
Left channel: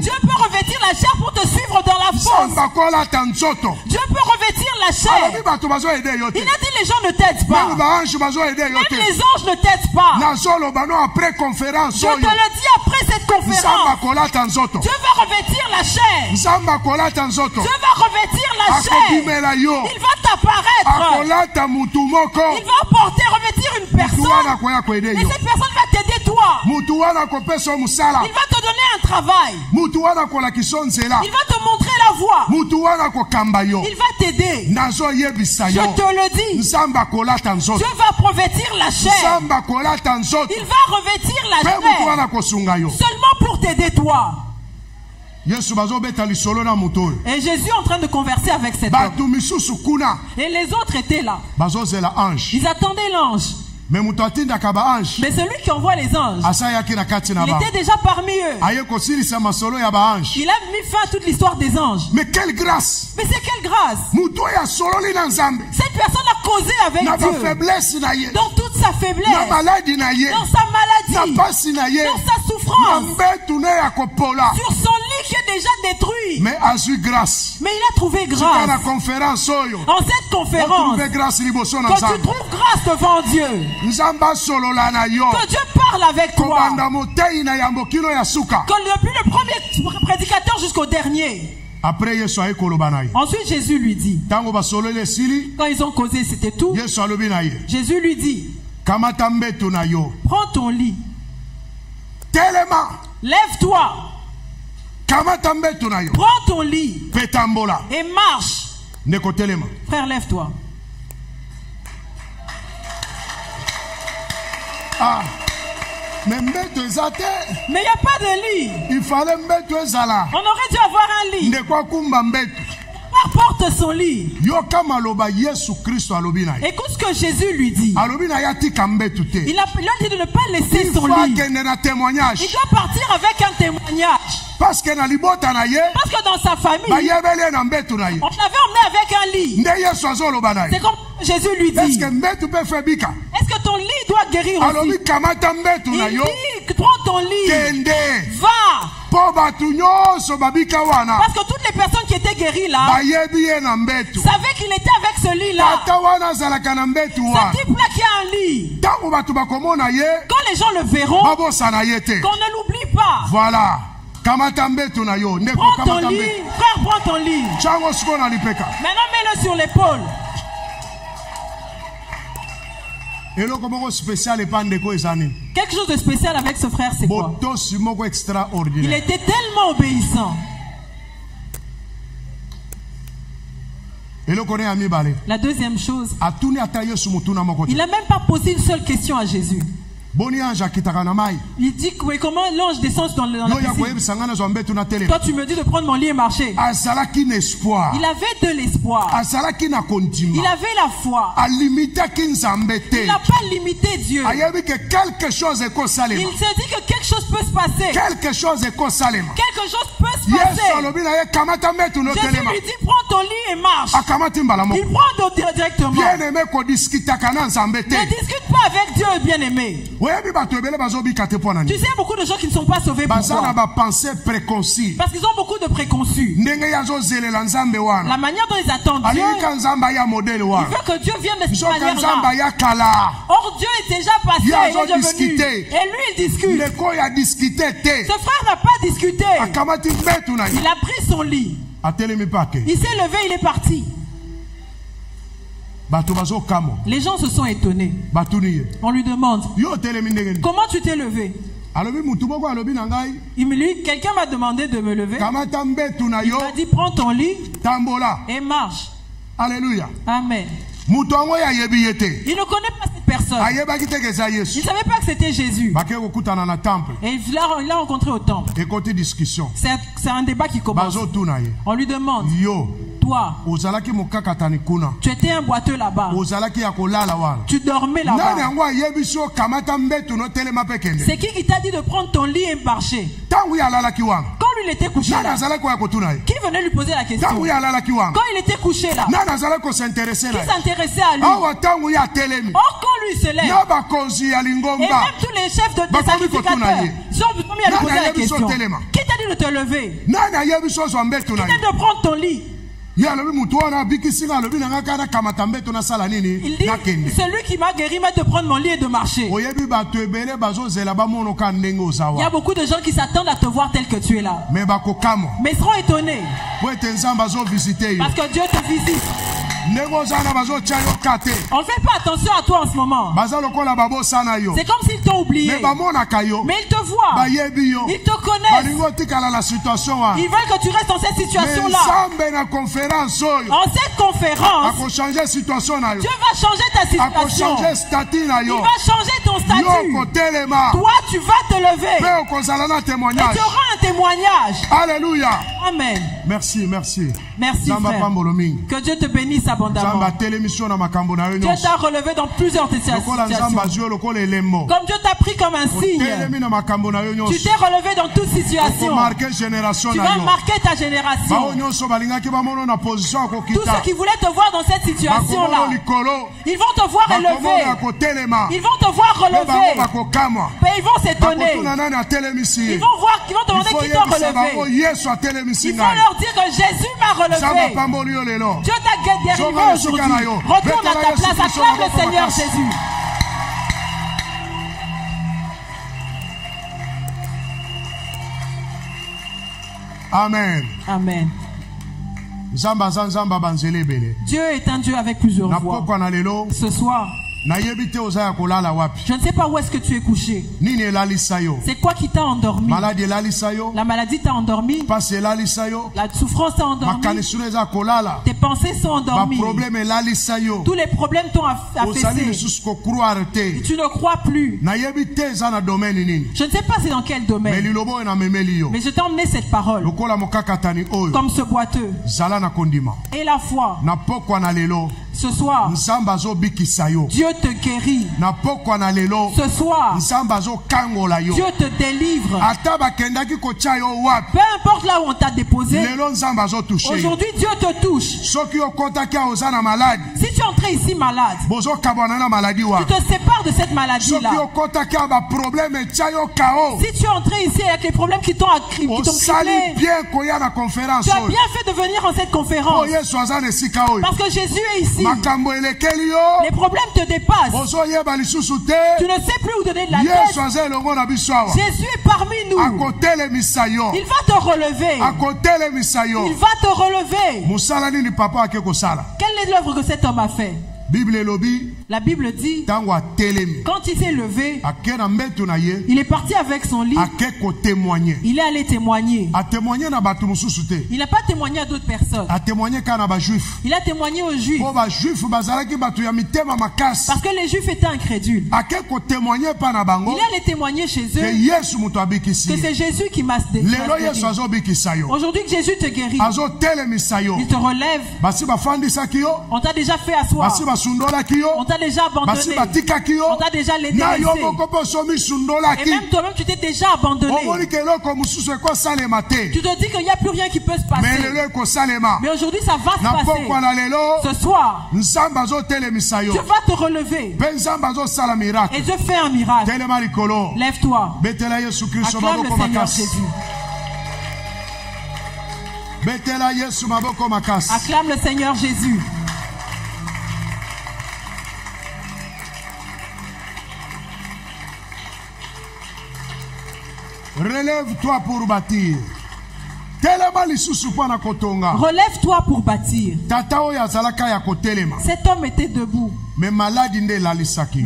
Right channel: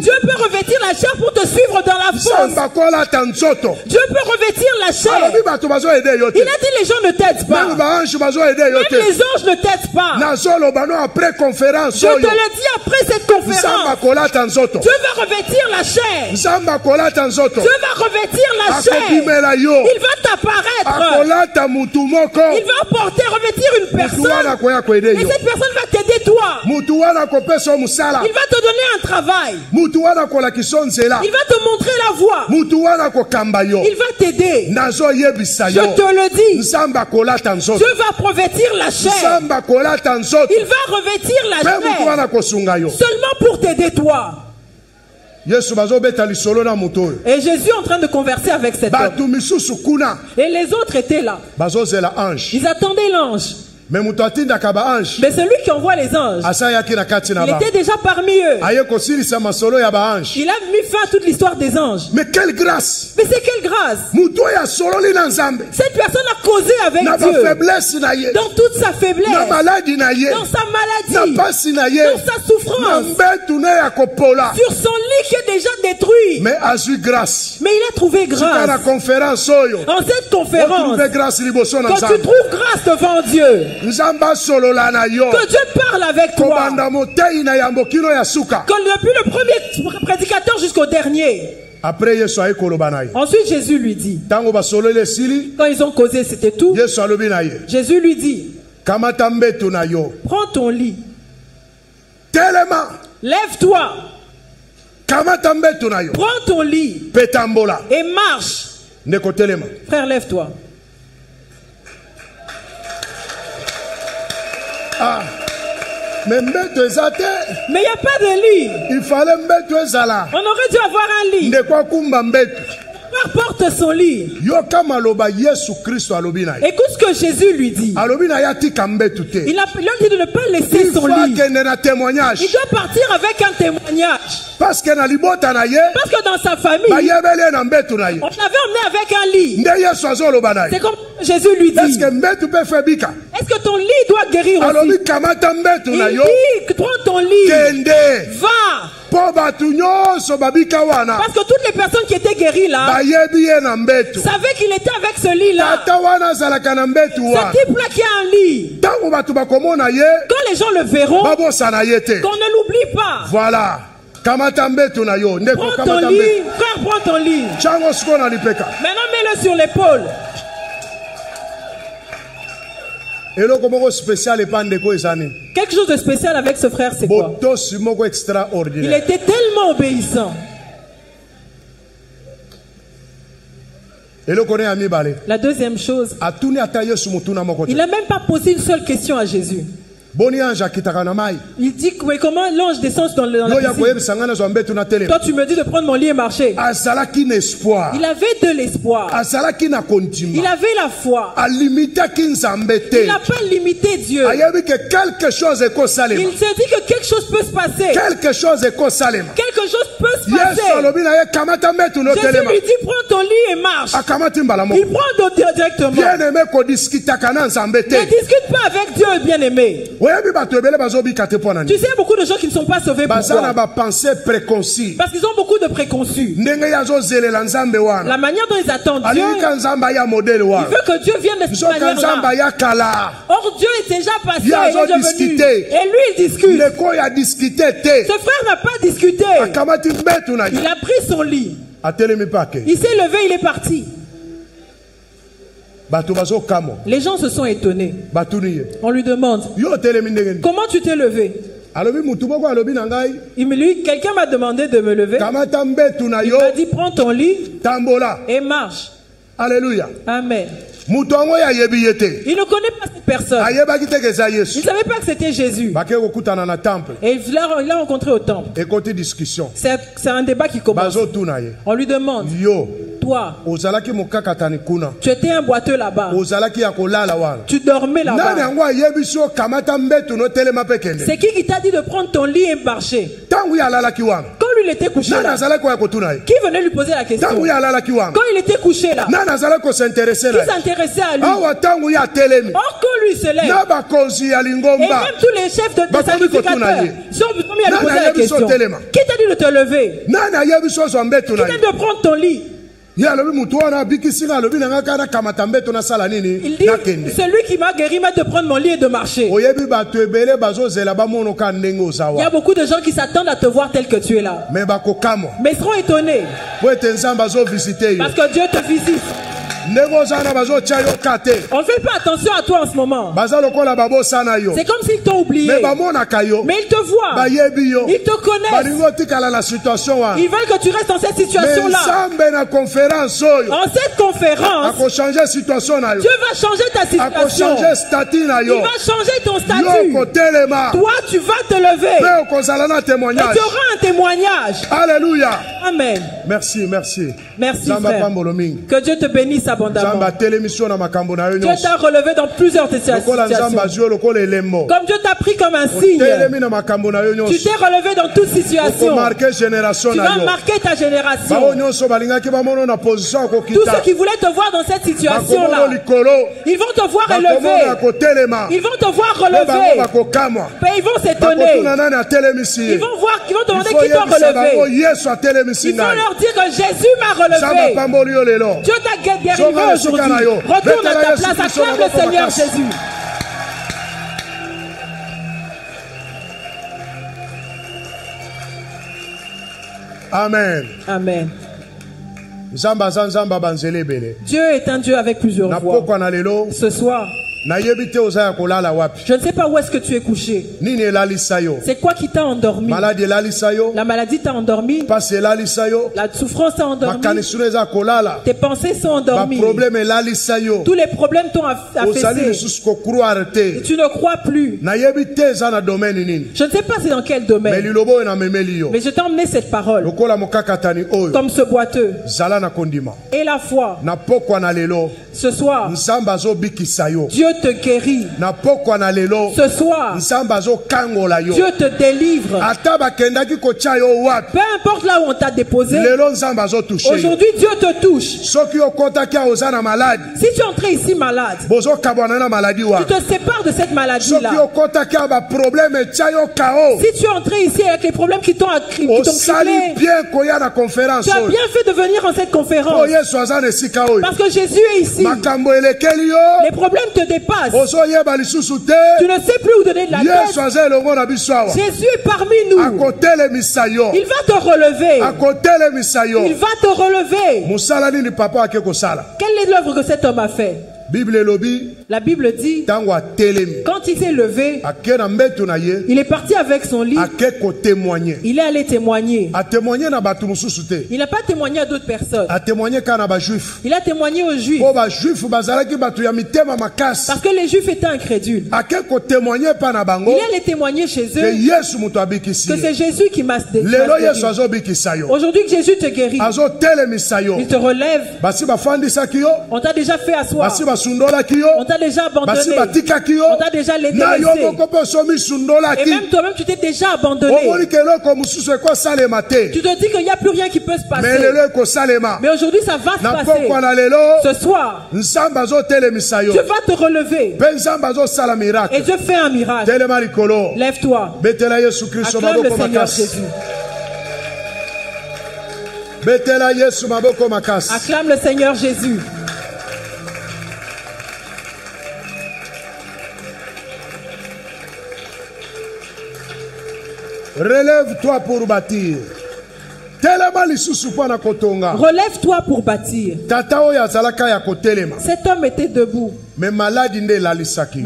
Dieu peut revêtir la chair pour te suivre dans la fosse. Dieu peut revêtir la chair. Il a dit les gens ne t'aident pas. Même les anges ne t'aident pas. Je te le dis après cette conférence. Dieu va revêtir la chair. Dieu va revêtir la chair. Il va t'apparaître. Il va revêtir une personne. Et cette personne va t'aider toi. Il va te donner un travail. Il va te montrer la voie. Il va t'aider. Je te le dis. Dieu va revêtir la chair. Il va revêtir la chair seulement pour t'aider toi. Et Jésus est en train de converser avec cet homme. Et les autres étaient là. Ils attendaient l'ange. Mais celui qui envoie les anges, il était déjà parmi eux. Il a mis fin à toute l'histoire des anges. Mais quelle grâce! Mais c'est quelle grâce! Cette personne a causé avec Dieu dans toute sa faiblesse, dans sa maladie, dans sa souffrance, sur son lit qui est déjà détruit. Mais il a trouvé grâce. En cette conférence, quand tu trouves grâce devant Dieu, que Dieu parle avec toi. Que depuis le premier prédicateur jusqu'au dernier. Ensuite Jésus lui dit, quand ils ont causé c'était tout, Jésus lui dit, prends ton lit, lève-toi, prends ton lit et marche. Frère, lève-toi. Mais il n'y a pas de lit. Il fallait on aurait dû avoir un lit. Porte son lit. Écoute ce que Jésus lui dit. Il a dit de ne pas laisser son lit. Il doit partir avec un témoignage. Parce que dans sa famille, on l'avait emmené avec un lit. C'est comme Jésus lui dit. Est-ce que ton lit doit guérir aussi? Il dit, prends ton lit. Va. Parce que toutes les personnes qui étaient guéries là savaient qu'il était avec ce lit là. Ce type là qui a un lit, quand les gens le verront, qu'on ne l'oublie pas. Voilà. Prends ton lit, frère, prends ton lit. Maintenant mets-le sur l'épaule. Quelque chose de spécial avec ce frère, c'est quoi? Il était tellement obéissant. La deuxième chose, il n'a même pas posé une seule question à Jésus. Il dit mais comment l'ange descend dans la piscine? Toi tu me dis de prendre mon lit et marcher. Il avait de l'espoir. Il avait la foi. Il n'a pas limité Dieu. Il s'est dit que quelque chose peut se passer. Quelque chose peut se passer. Jésus lui dit prends ton lit et marche. Il prend directement. Ne discute pas avec Dieu, bien-aimé. Tu sais, beaucoup de gens qui ne sont pas sauvés. Pourquoi? Parce qu'ils ont beaucoup de préconçus. La manière dont ils attendent Dieu, il veut que Dieu vienne de cette manière-là. Or Dieu est déjà passé, il est devenu. Et lui il discute. Ce frère n'a pas discuté. Il a pris son lit. Il s'est levé, il est parti. Les gens se sont étonnés. On lui demande, comment tu t'es levé? Quelqu'un m'a demandé de me lever. Il m'a dit, prends ton lit et marche. Alléluia. Amen. Il ne connaît pas cette personne. Il ne savait pas que c'était Jésus. Et il l'a rencontré au temple. C'est un débat qui commence. On lui demande, toi, tu étais un boiteux là-bas. Tu dormais là-bas. C'est qui t'a dit de prendre ton lit et marcher? Quand lui il était couché là, qui venait lui poser la question? Quand il était couché là, qui s'intéressait à lui? Or quand lui se lève, et même tous les chefs de sacrificateurs sont mis à lui poser la question. Qui t'a dit de te lever? Qui t'a dit de prendre ton lit? Il dit, celui qui m'a guéri m'a de prendre mon lit et de marcher. Il y a beaucoup de gens qui s'attendent à te voir tel que tu es là, mais ils seront étonnés parce que Dieu te visite. On ne fait pas attention à toi en ce moment. C'est comme s'ils t'ont oublié. Mais ils te voient. Ils te connaissent. Ils veulent que tu restes dans cette situation-là. En cette conférence, Dieu va changer ta situation. Il va changer ton statut. Toi, tu vas te lever. Et tu auras un témoignage. Alléluia. Amen. Merci, merci. Merci, frère. Que Dieu te bénisse abondamment. Dieu t'a relevé dans plusieurs situations. Comme Dieu t'a pris comme un signe. Tu t'es relevé dans toute situation. Tu vas marquer ta génération. Tous ceux qui voulaient te voir dans cette situation-là, ils vont te voir élevé. Ils vont te voir relevé. Mais ils vont s'étonner. Ils vont voir, ils vont demander qui t'a relevé. Ils vont leur dire que Jésus m'a relevé. Dieu t'a guéri aujourd'hui. Retourne à ta place, acclame le Seigneur Jésus. Amen. Amen. Dieu est un Dieu avec plusieurs voix. Ce soir, je ne sais pas où est-ce que tu es couché. C'est quoi qui t'a endormi? La maladie t'a endormi. La souffrance t'a endormi. Tes pensées sont endormies. Tous les problèmes t'ont affaissé. Et tu ne crois plus. Je ne sais pas c'est dans quel domaine. Mais je t'ai emmené cette parole. Comme ce boiteux. Et la foi. Ce soir, Dieu te guérit. Ce soir, Dieu te délivre. Peu importe là où on t'a déposé, aujourd'hui Dieu te touche. Si tu es entré ici malade, tu te sépares de cette maladie-là. Si tu es entré ici avec les problèmes qui t'ont criblé, tu as bien fait de venir en cette conférence. Parce que Jésus est ici. Les problèmes te dépassent. Tu ne sais plus où donner de la tête. Jésus est parmi nous. Il va te relever. Il va te relever. Quelle est l'œuvre que cet homme a fait? La Bible dit, quand il s'est levé, il est parti avec son lit. Il est allé témoigner. Il n'a pas témoigné à d'autres personnes. Il a témoigné aux Juifs. Parce que les Juifs étaient incrédules. Il est allé témoigner chez eux que c'est Jésus qui m'a guéri. Aujourd'hui que Jésus te guérit, il te relève. On t'a déjà fait asseoir. On t'a déjà abandonné. On t'a déjà laissé. Et même toi-même, tu t'es déjà abandonné. Tu te dis qu'il n'y a plus rien qui peut se passer. Mais aujourd'hui, ça va se passer. Ce soir, Dieu va te relever. Et Dieu fait un miracle. Lève-toi. Acclame le Seigneur Jésus. Acclame le Seigneur Jésus. Relève-toi pour bâtir. Relève-toi pour bâtir. Cet homme était debout. Mais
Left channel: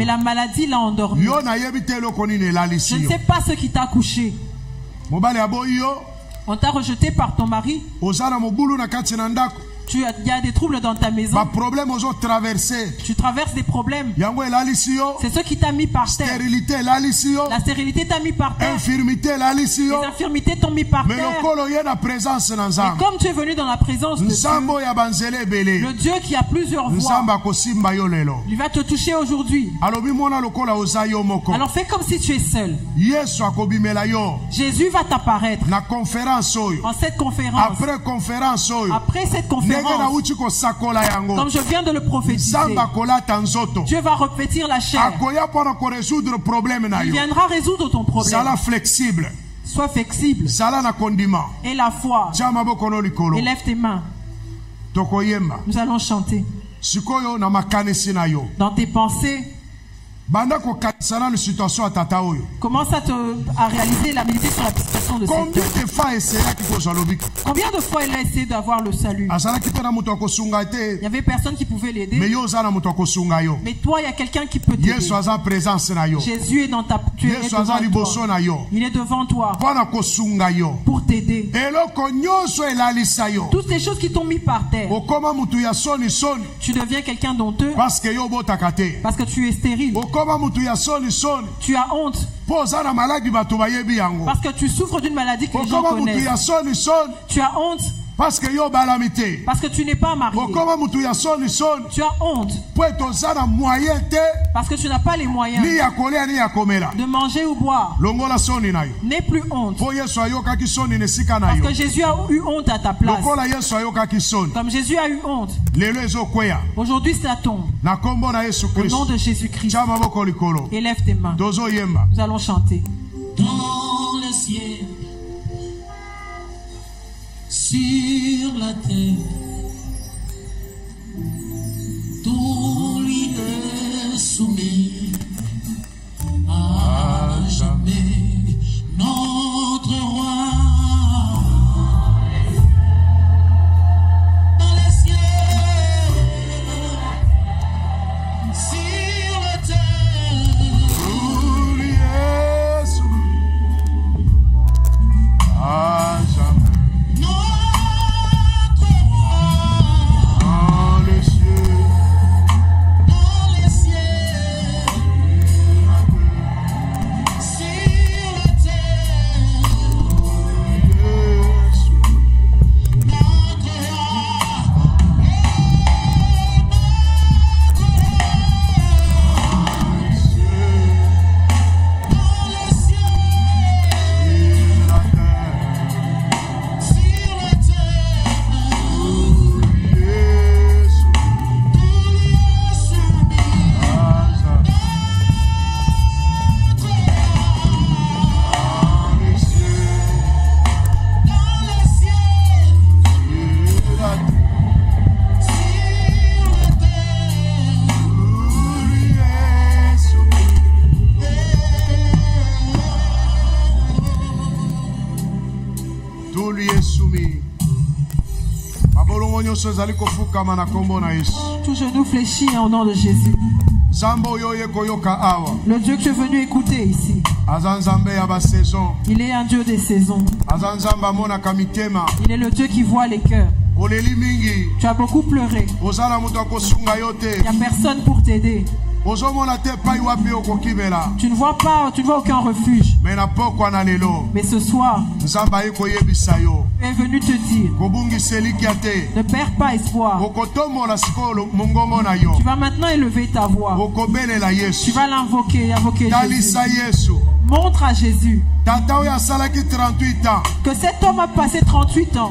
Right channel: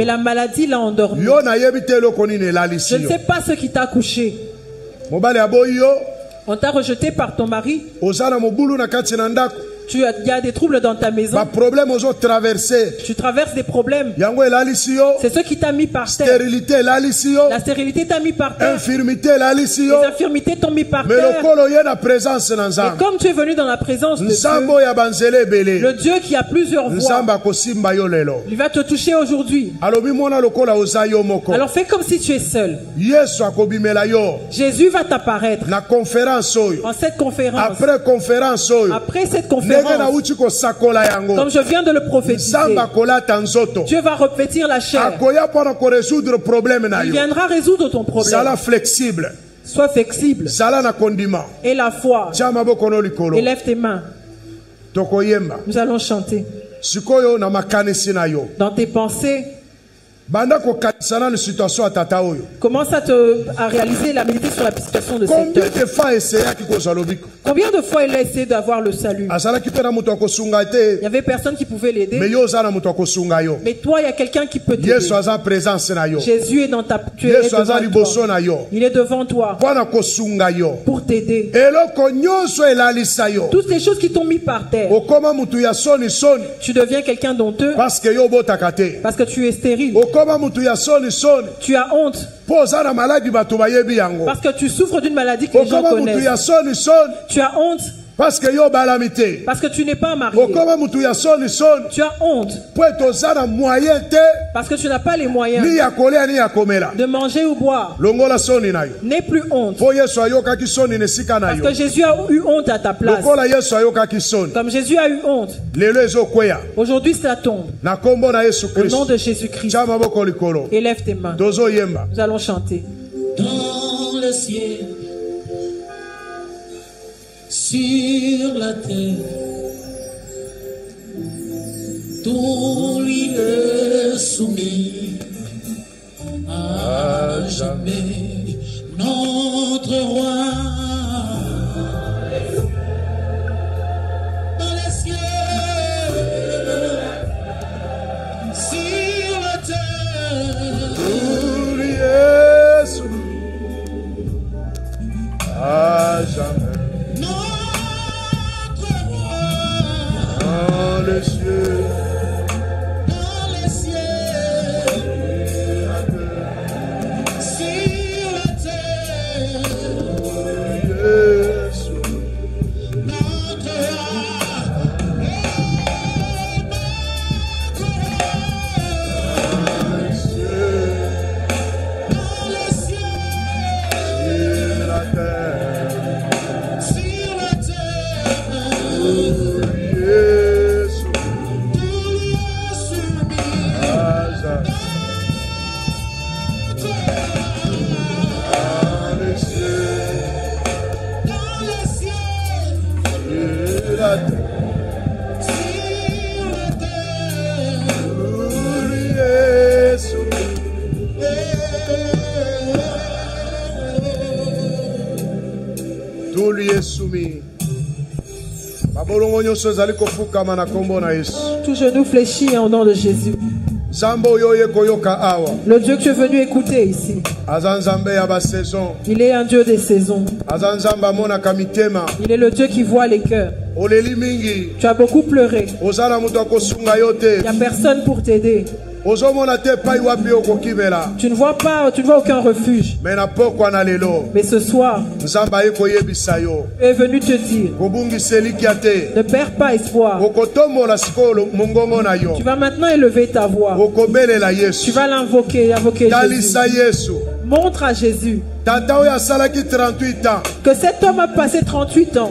la maladie l'a endormi. Je ne sais pas ce qui t'a couché. On t'a rejeté par ton mari. Il y a des troubles dans ta maison. Tu traverses des problèmes. C'est ce qui t'a mis par terre. La stérilité t'a mis par terre. Les infirmités t'ont mis par terre. Et comme tu es venu dans la présence de Dieu, le Dieu qui a plusieurs voix, il va te toucher aujourd'hui. Alors fais comme si tu es seul. Jésus va t'apparaître en cette conférence. Après cette conférence, comme je viens de le prophétiser, Dieu va revêtir la chair. Il viendra résoudre ton problème. Sois flexible. Et la foi. Élève tes mains. Nous allons chanter. Dans tes pensées, commence à réaliser la méditer sur la situation de cet homme. Combien de fois il a essayé d'avoir le salut? Il y avait personne qui pouvait l'aider. Mais toi, il y a quelqu'un qui peut t'aider. Jésus est dans ta... Tu es devant toi. Il est devant toi pour t'aider. Toutes les choses qui t'ont mis par terre. Tu deviens quelqu'un d'honteux parce que tu es stérile. Tu as honte parce que tu souffres d'une maladie que les gens connaissent. Tu as honte parce que tu n'es pas marié. Tu as honte parce que tu n'as pas les moyens de manger ou boire. N'aie plus honte parce que Jésus a eu honte à ta place. Comme Jésus a eu honte, aujourd'hui ça tombe. Au nom de Jésus-Christ, élève tes mains. Nous allons chanter. Dans le ciel, sur la terre, tout lui est soumis à jamais, notre roi. Dans les cieux, sur la terre, tout lui est soumis à jamais. Tout genou fléchit au nom de Jésus. Le Dieu que tu es venu écouter ici, il est un Dieu des saisons. Il est le Dieu qui voit les cœurs. Tu as beaucoup pleuré. Il n'y a personne pour t'aider. Tu ne vois pas, tu ne vois aucun refuge. Mais ce soir, Dieu est venu te dire, ne perds pas espoir. Tu vas maintenant élever ta voix. Tu vas l'invoquer, invoquer Jésus. Montre à Jésus que cet homme a passé 38 ans.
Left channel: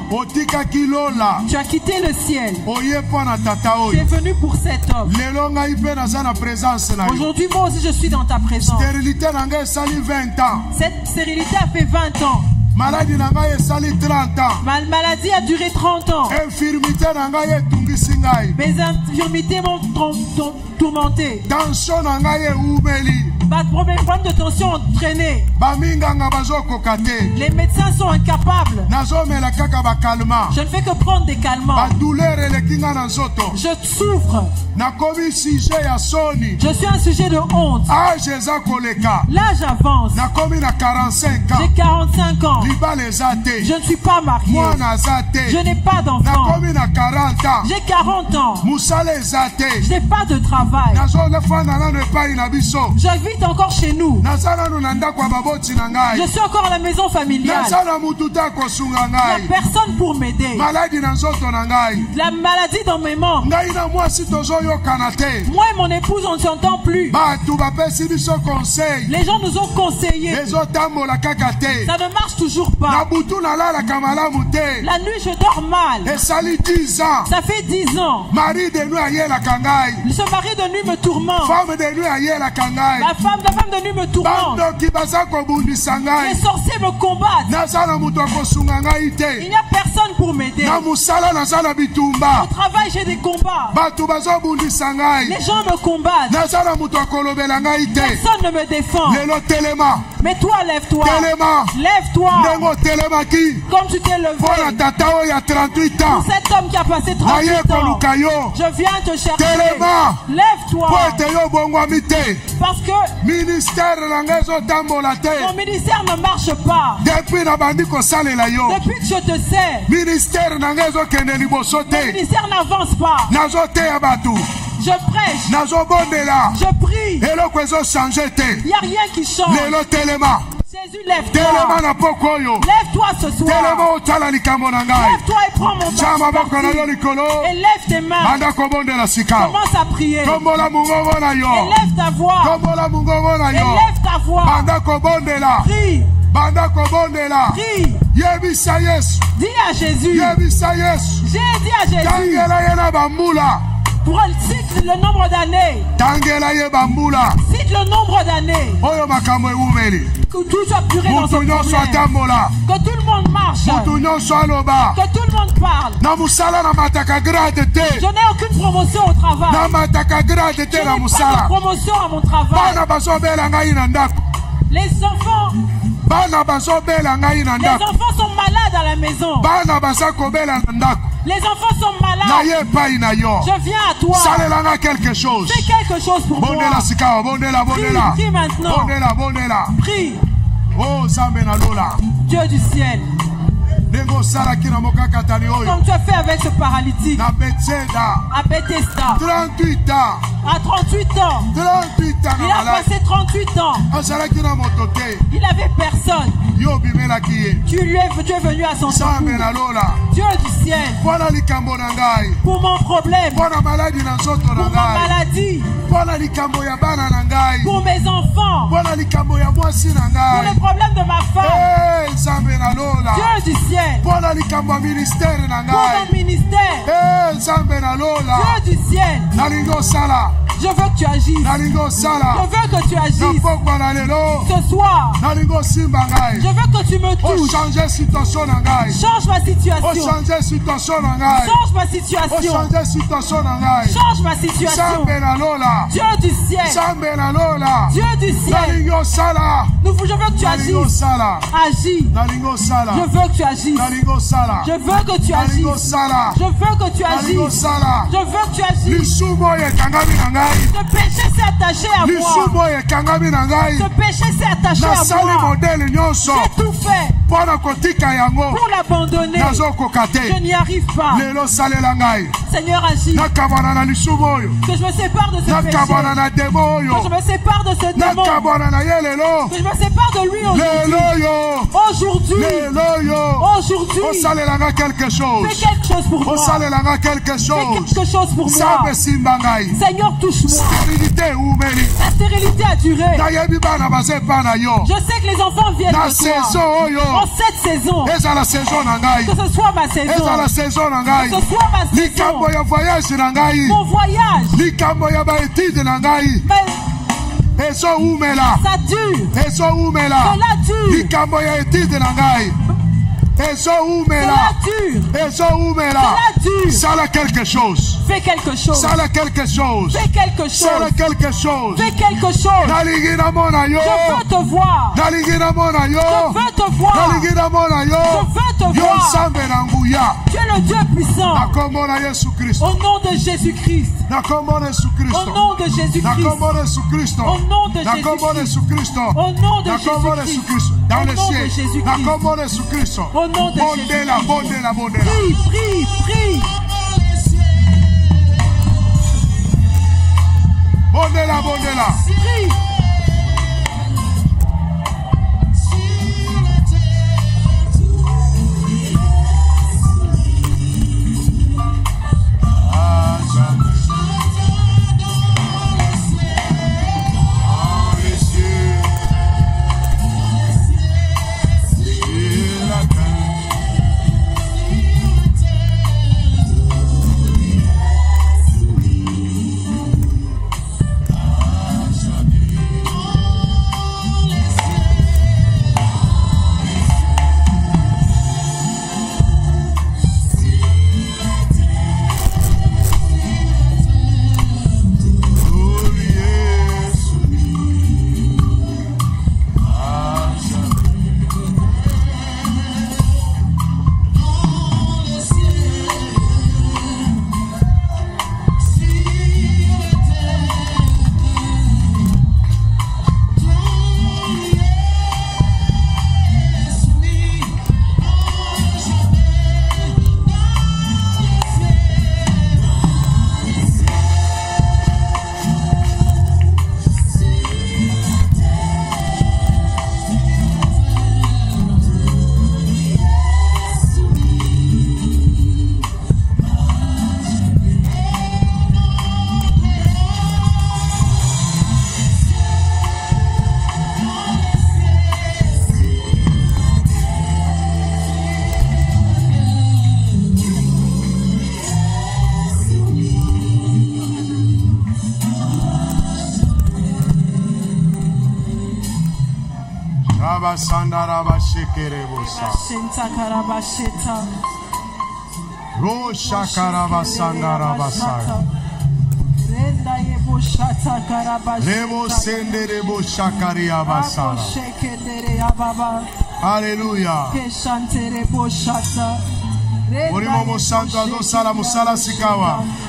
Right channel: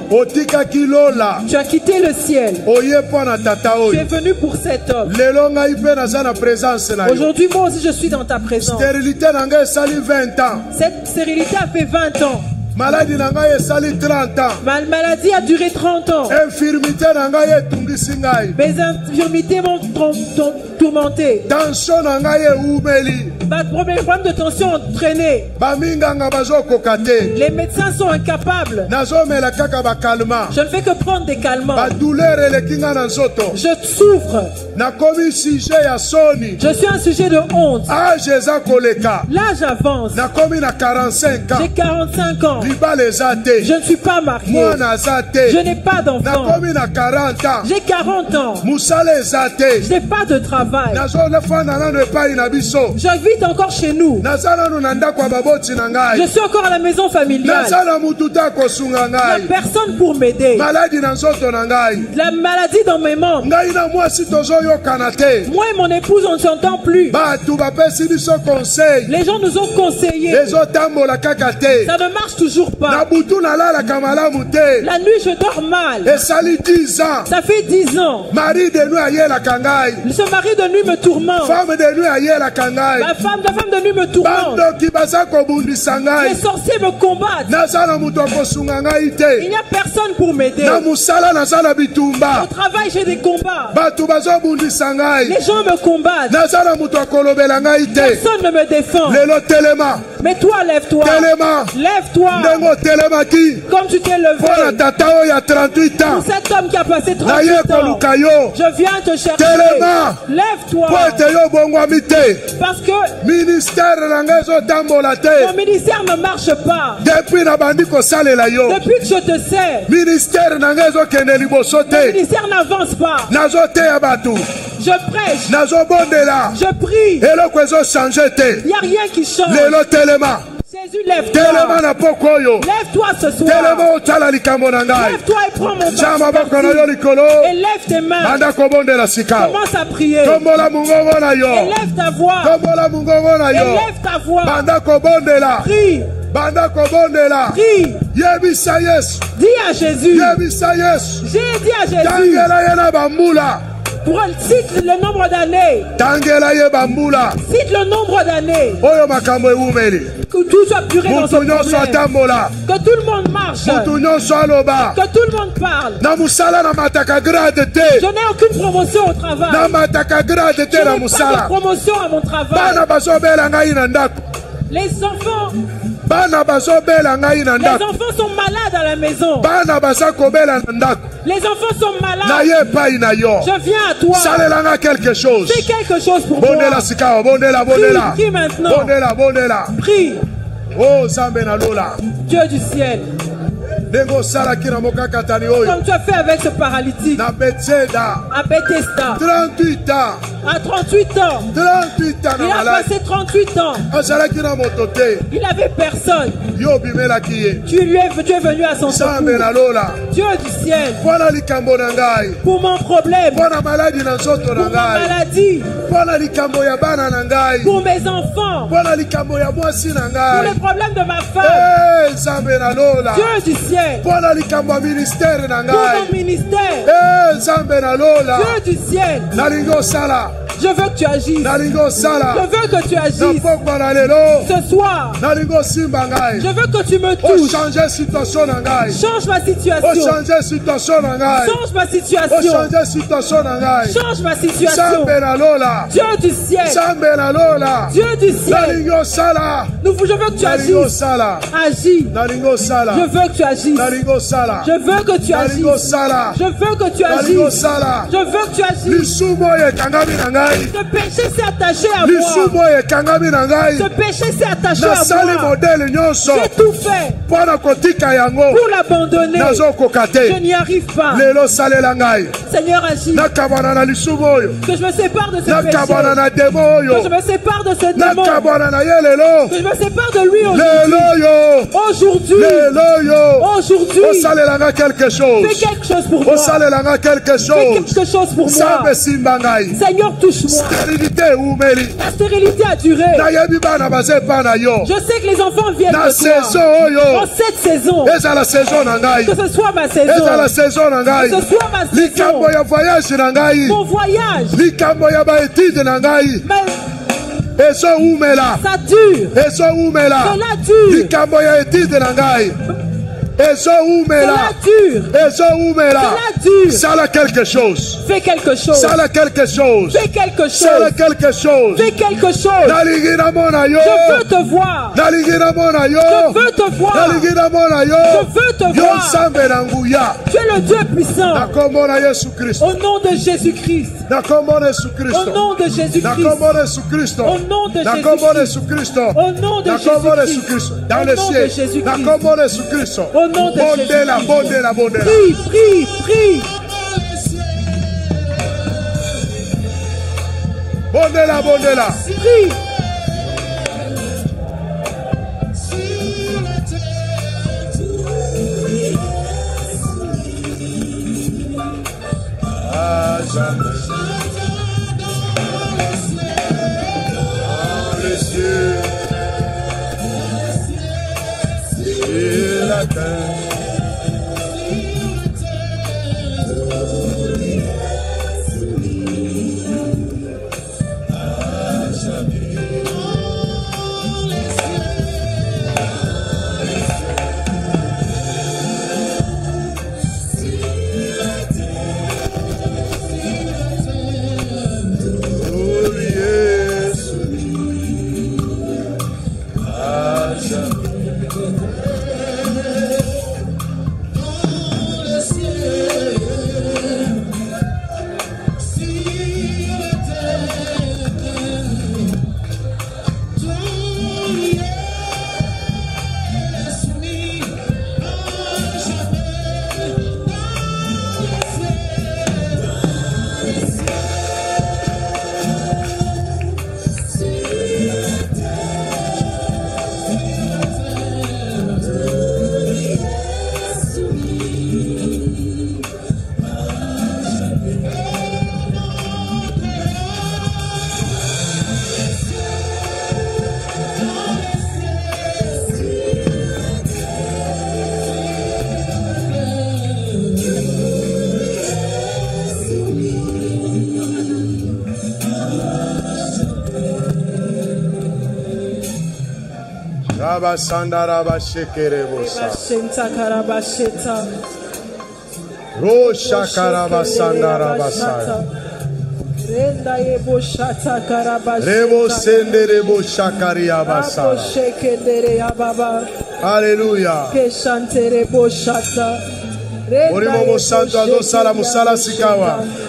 Tu as quitté le ciel. Tu es venu pour cet homme. Aujourd'hui, moi aussi, je suis dans ta présence. Cette stérilité a fait 20 ans. Maladie nanga esali 30 ans. Ma maladie a duré 30 ans. Infirmité nanga etungisi ngai. Mes infirmités m'ont tourmenté. Tension nanga eumeli. Ma problème de tension entraîné. Baminganga bazokokate. Les médecins sont incapables. Nazomela kaka ba calmant. Je ne fais que prendre des calmants. Ba douleur elekinga na nzoto. Je souffre. Nakomi sujet ya soni. Je suis un sujet de honte. Âge eza koleka. L'âge avance. Nakomi na 45 ans. J'ai 45 ans. Je ne suis pas marié. Je n'ai pas d'enfant. J'ai 40 ans. Je n'ai pas de travail. J'habite encore chez nous. Je suis encore à la maison familiale. Il n'y a personne pour m'aider. La maladie dans mes membres. Moi et mon épouse, on ne s'entend plus. Les gens nous ont conseillé. Ça ne marche toujours pas. La nuit je dors mal. Ça fait 10 ans. Ce mari de nuit me tourmente. La femme de nuit me tourmente. Les sorciers me combattent. Il n'y a personne pour m'aider. Au travail j'ai des combats. Les gens me combattent. Personne ne me défend. Mais toi lève-toi. Lève-toi. Comme tu t'es levé pour cet homme qui a passé 38 ans. Je viens te chercher. Lève-toi. Parce que mon ministère ne marche pas. Depuis que je te sais, mon ministère n'avance pas. Je prêche. Je prie. Il n'y a rien qui change. Jésus, lève-toi. Lève-toi ce soir. Lève-toi et prends mon bâton. Et lève tes mains. Commence à prier. Et lève ta voix. Et lève ta voix. Prie. Prie. Dis à Jésus. J'ai dit à Jésus. Cite le nombre d'années. Cite le nombre d'années. Que tout soit puré dans ce problème. Que tout le monde marche. Que tout le monde parle. Je n'ai aucune promotion au travail. Je n'ai pas de promotion à mon travail. Les enfants sont malades à la maison. Les enfants sont malades. Je viens à toi. Fais quelque chose pour moi. Prie maintenant. Prie. Dieu du ciel. Comme tu as fait avec ce paralytique à Bethesda. À 38 ans. Il a passé 38 ans. Il n'avait personne. Tu es venu à son secours. Dieu du ciel. Pour mon problème. Pour ma maladie. Pour mes enfants. Pour les problèmes de ma femme. Dieu du ciel. Pour mon ministère. Dieu du ciel. Je veux que tu agisses. Je veux que tu agisses. Ce soir, je veux que tu me touches. Change ma situation. Change ma situation. Change ma situation. Dieu du ciel. Dieu du ciel. Je veux que tu agisses. Agis. Je veux que tu agisses. Je veux que tu agisses. Je veux que tu agisses. Je veux que tu agisses. Ce péché s'est attaché à moi. Ce péché s'est attaché à moi. J'ai tout fait pour l'abandonner. Je n'y arrive pas. Seigneur, agis. Que je me sépare de ce péché. Que je me sépare de ce démon. Que je me sépare de lui aujourd'hui. Aujourd'hui. Fais quelque chose pour moi. Fais quelque chose pour moi. Seigneur, touche-moi. La stérilité a duré. Je sais que les enfants viennent de toi. En cette saison. Que ce soit ma saison. Que ce soit ma saison. Mon voyage. Ça dure. Cela dure. Sala quelque chose. Fais quelque chose. Sala quelque chose. Fais quelque chose. Sala quelque chose. Fais quelque chose. Je veux te voir. Je veux te voir. Je veux te voir. Tu es le Dieu puissant. Au nom de Jésus-Christ. Au nom de Jésus-Christ. Au nom de Jésus-Christ. Au nom de Jésus-Christ. Dans le ciel. Au nom de Jésus-Christ. Prie. Bondela. Prie. À jamais. Dans les cieux. Sur la terre. Alléluia.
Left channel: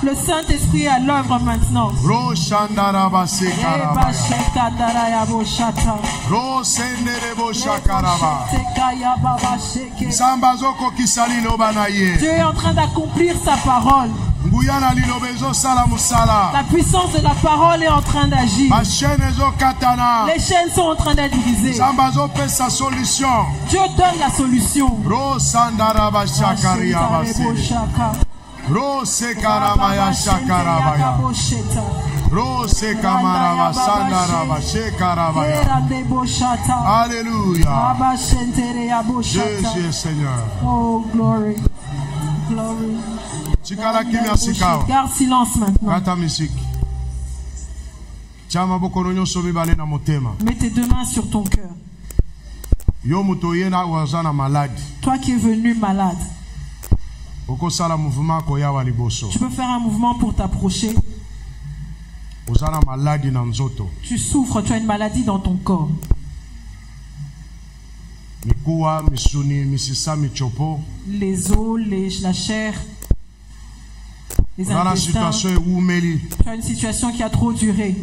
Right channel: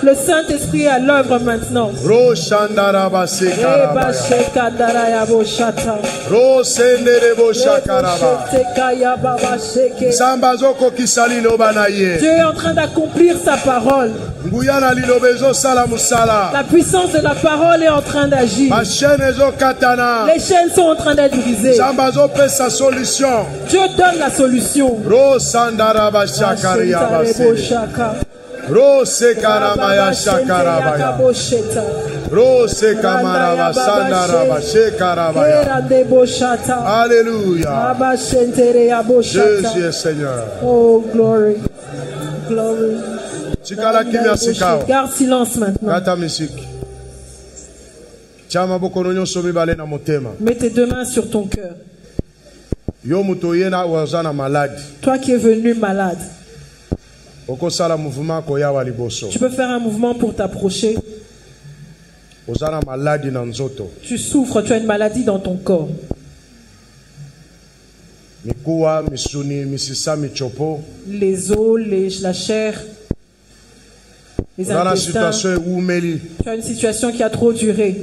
Le Saint-Esprit est à l'œuvre maintenant. Dieu est en train d'accomplir sa parole. La puissance de la parole est en train d'agir. Les chaînes sont en train d'être brisées. Dieu donne la solution. Alléluia. Jésus est Seigneur. Oh, glory. Glory. Garde silence maintenant. Mets tes deux mains sur ton cœur. Toi qui es venu malade, tu peux faire un mouvement pour t'approcher. Tu souffres, tu as une maladie dans ton corps. Les os, la chair. les intestins. Tu as une situation qui a trop duré.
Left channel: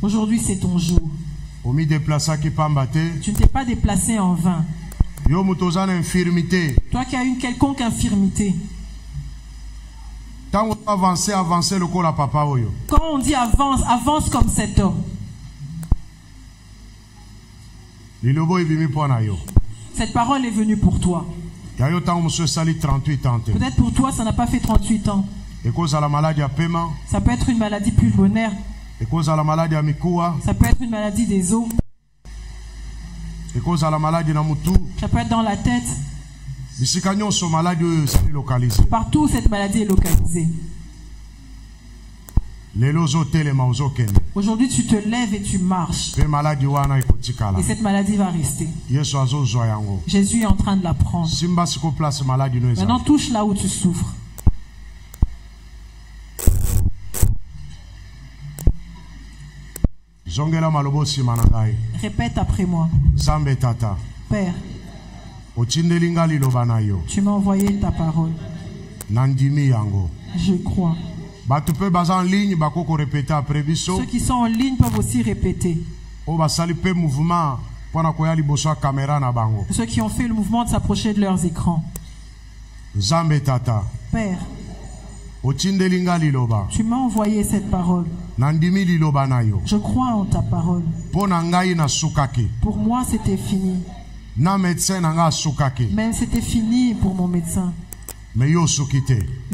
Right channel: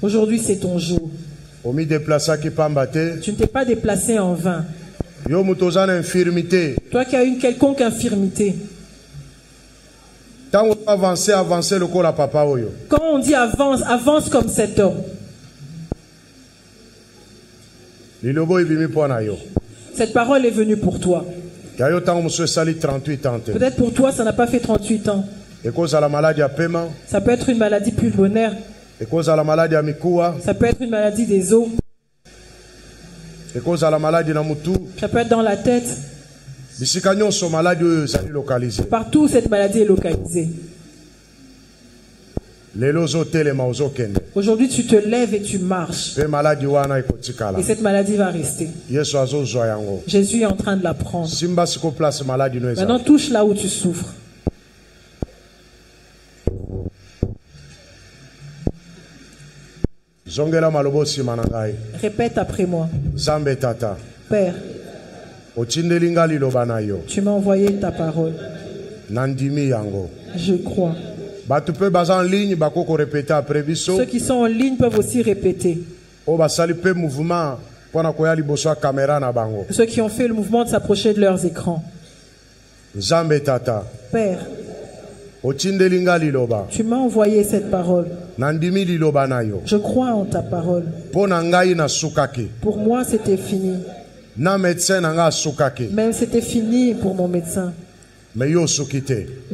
Aujourd'hui, c'est ton jour. Tu ne t'es pas déplacé en vain. Toi qui as une quelconque infirmité. Quand on dit avance, avance comme cet homme. Cette parole est venue pour toi. Peut-être pour toi, ça n'a pas fait 38 ans. Ça peut être une maladie pulmonaire. Ça peut être une maladie des os. Ça peut être dans la tête. Partout où cette maladie est localisée. Aujourd'hui, tu te lèves et tu marches. Et cette maladie va rester. Jésus est en train de la prendre. Maintenant, touche là où tu souffres. Répète après moi. Père, tu m'as envoyé ta parole. Je crois. Ceux qui sont en ligne peuvent aussi répéter. Ceux qui ont fait le mouvement de s'approcher de leurs écrans. Père, tu m'as envoyé cette parole. Je crois en ta parole. Pour moi, c'était fini. Même c'était fini pour mon médecin. Mais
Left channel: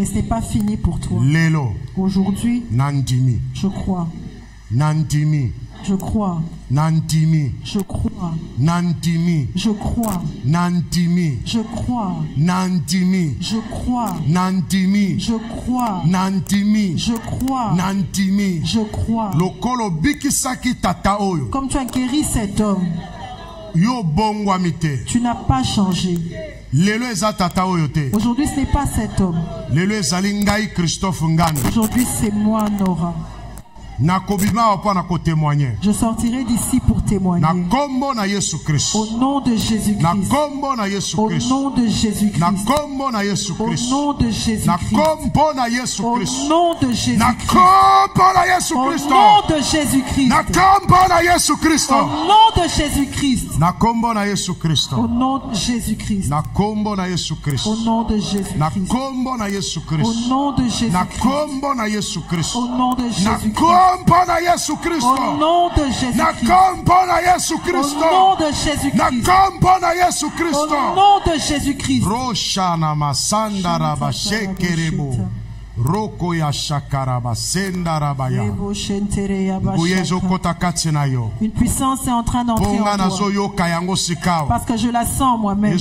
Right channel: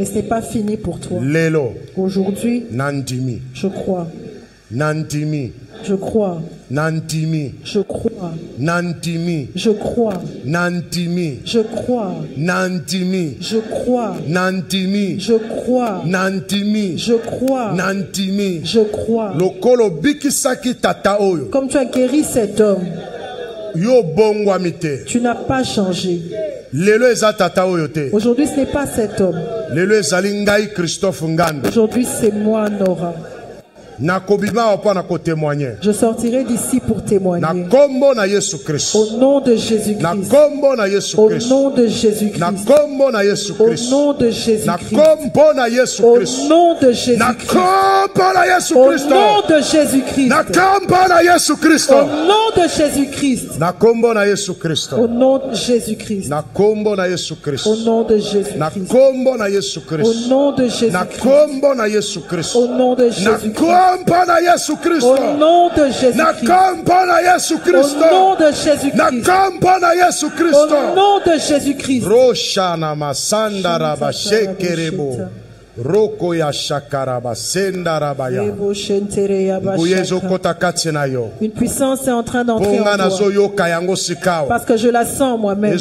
ce n'est pas fini pour toi. Aujourd'hui, je crois. Je crois. Je crois. Je crois. Je crois. Je crois. Je crois. Je crois. Je crois. Comme tu as guéri cet homme, tu n'as pas changé. Aujourd'hui, ce n'est pas cet homme. Aujourd'hui, c'est moi, Nora. Je sortirai d'ici pour témoigner. Au nom de Jésus-Christ. Au nom de Jésus-Christ. Au nom de Jésus-Christ. Au nom de Jésus-Christ. Au nom de Jésus-Christ. Au nom de Jésus-Christ. Au nom de Jésus-Christ. Au nom de Jésus-Christ. Au nom de Jésus-Christ. Au nom de Jésus-Christ. Au nom de Jésus-Christ. Au nom de Jésus-Christ. Au nom de Jésus-Christ. Au nom de Jésus-Christ. Roshana masanda rabashekerebo. Roko ya shakaraba sendarabaya. Une puissance est en train d'entrer en toi. Parce que je la sens moi-même.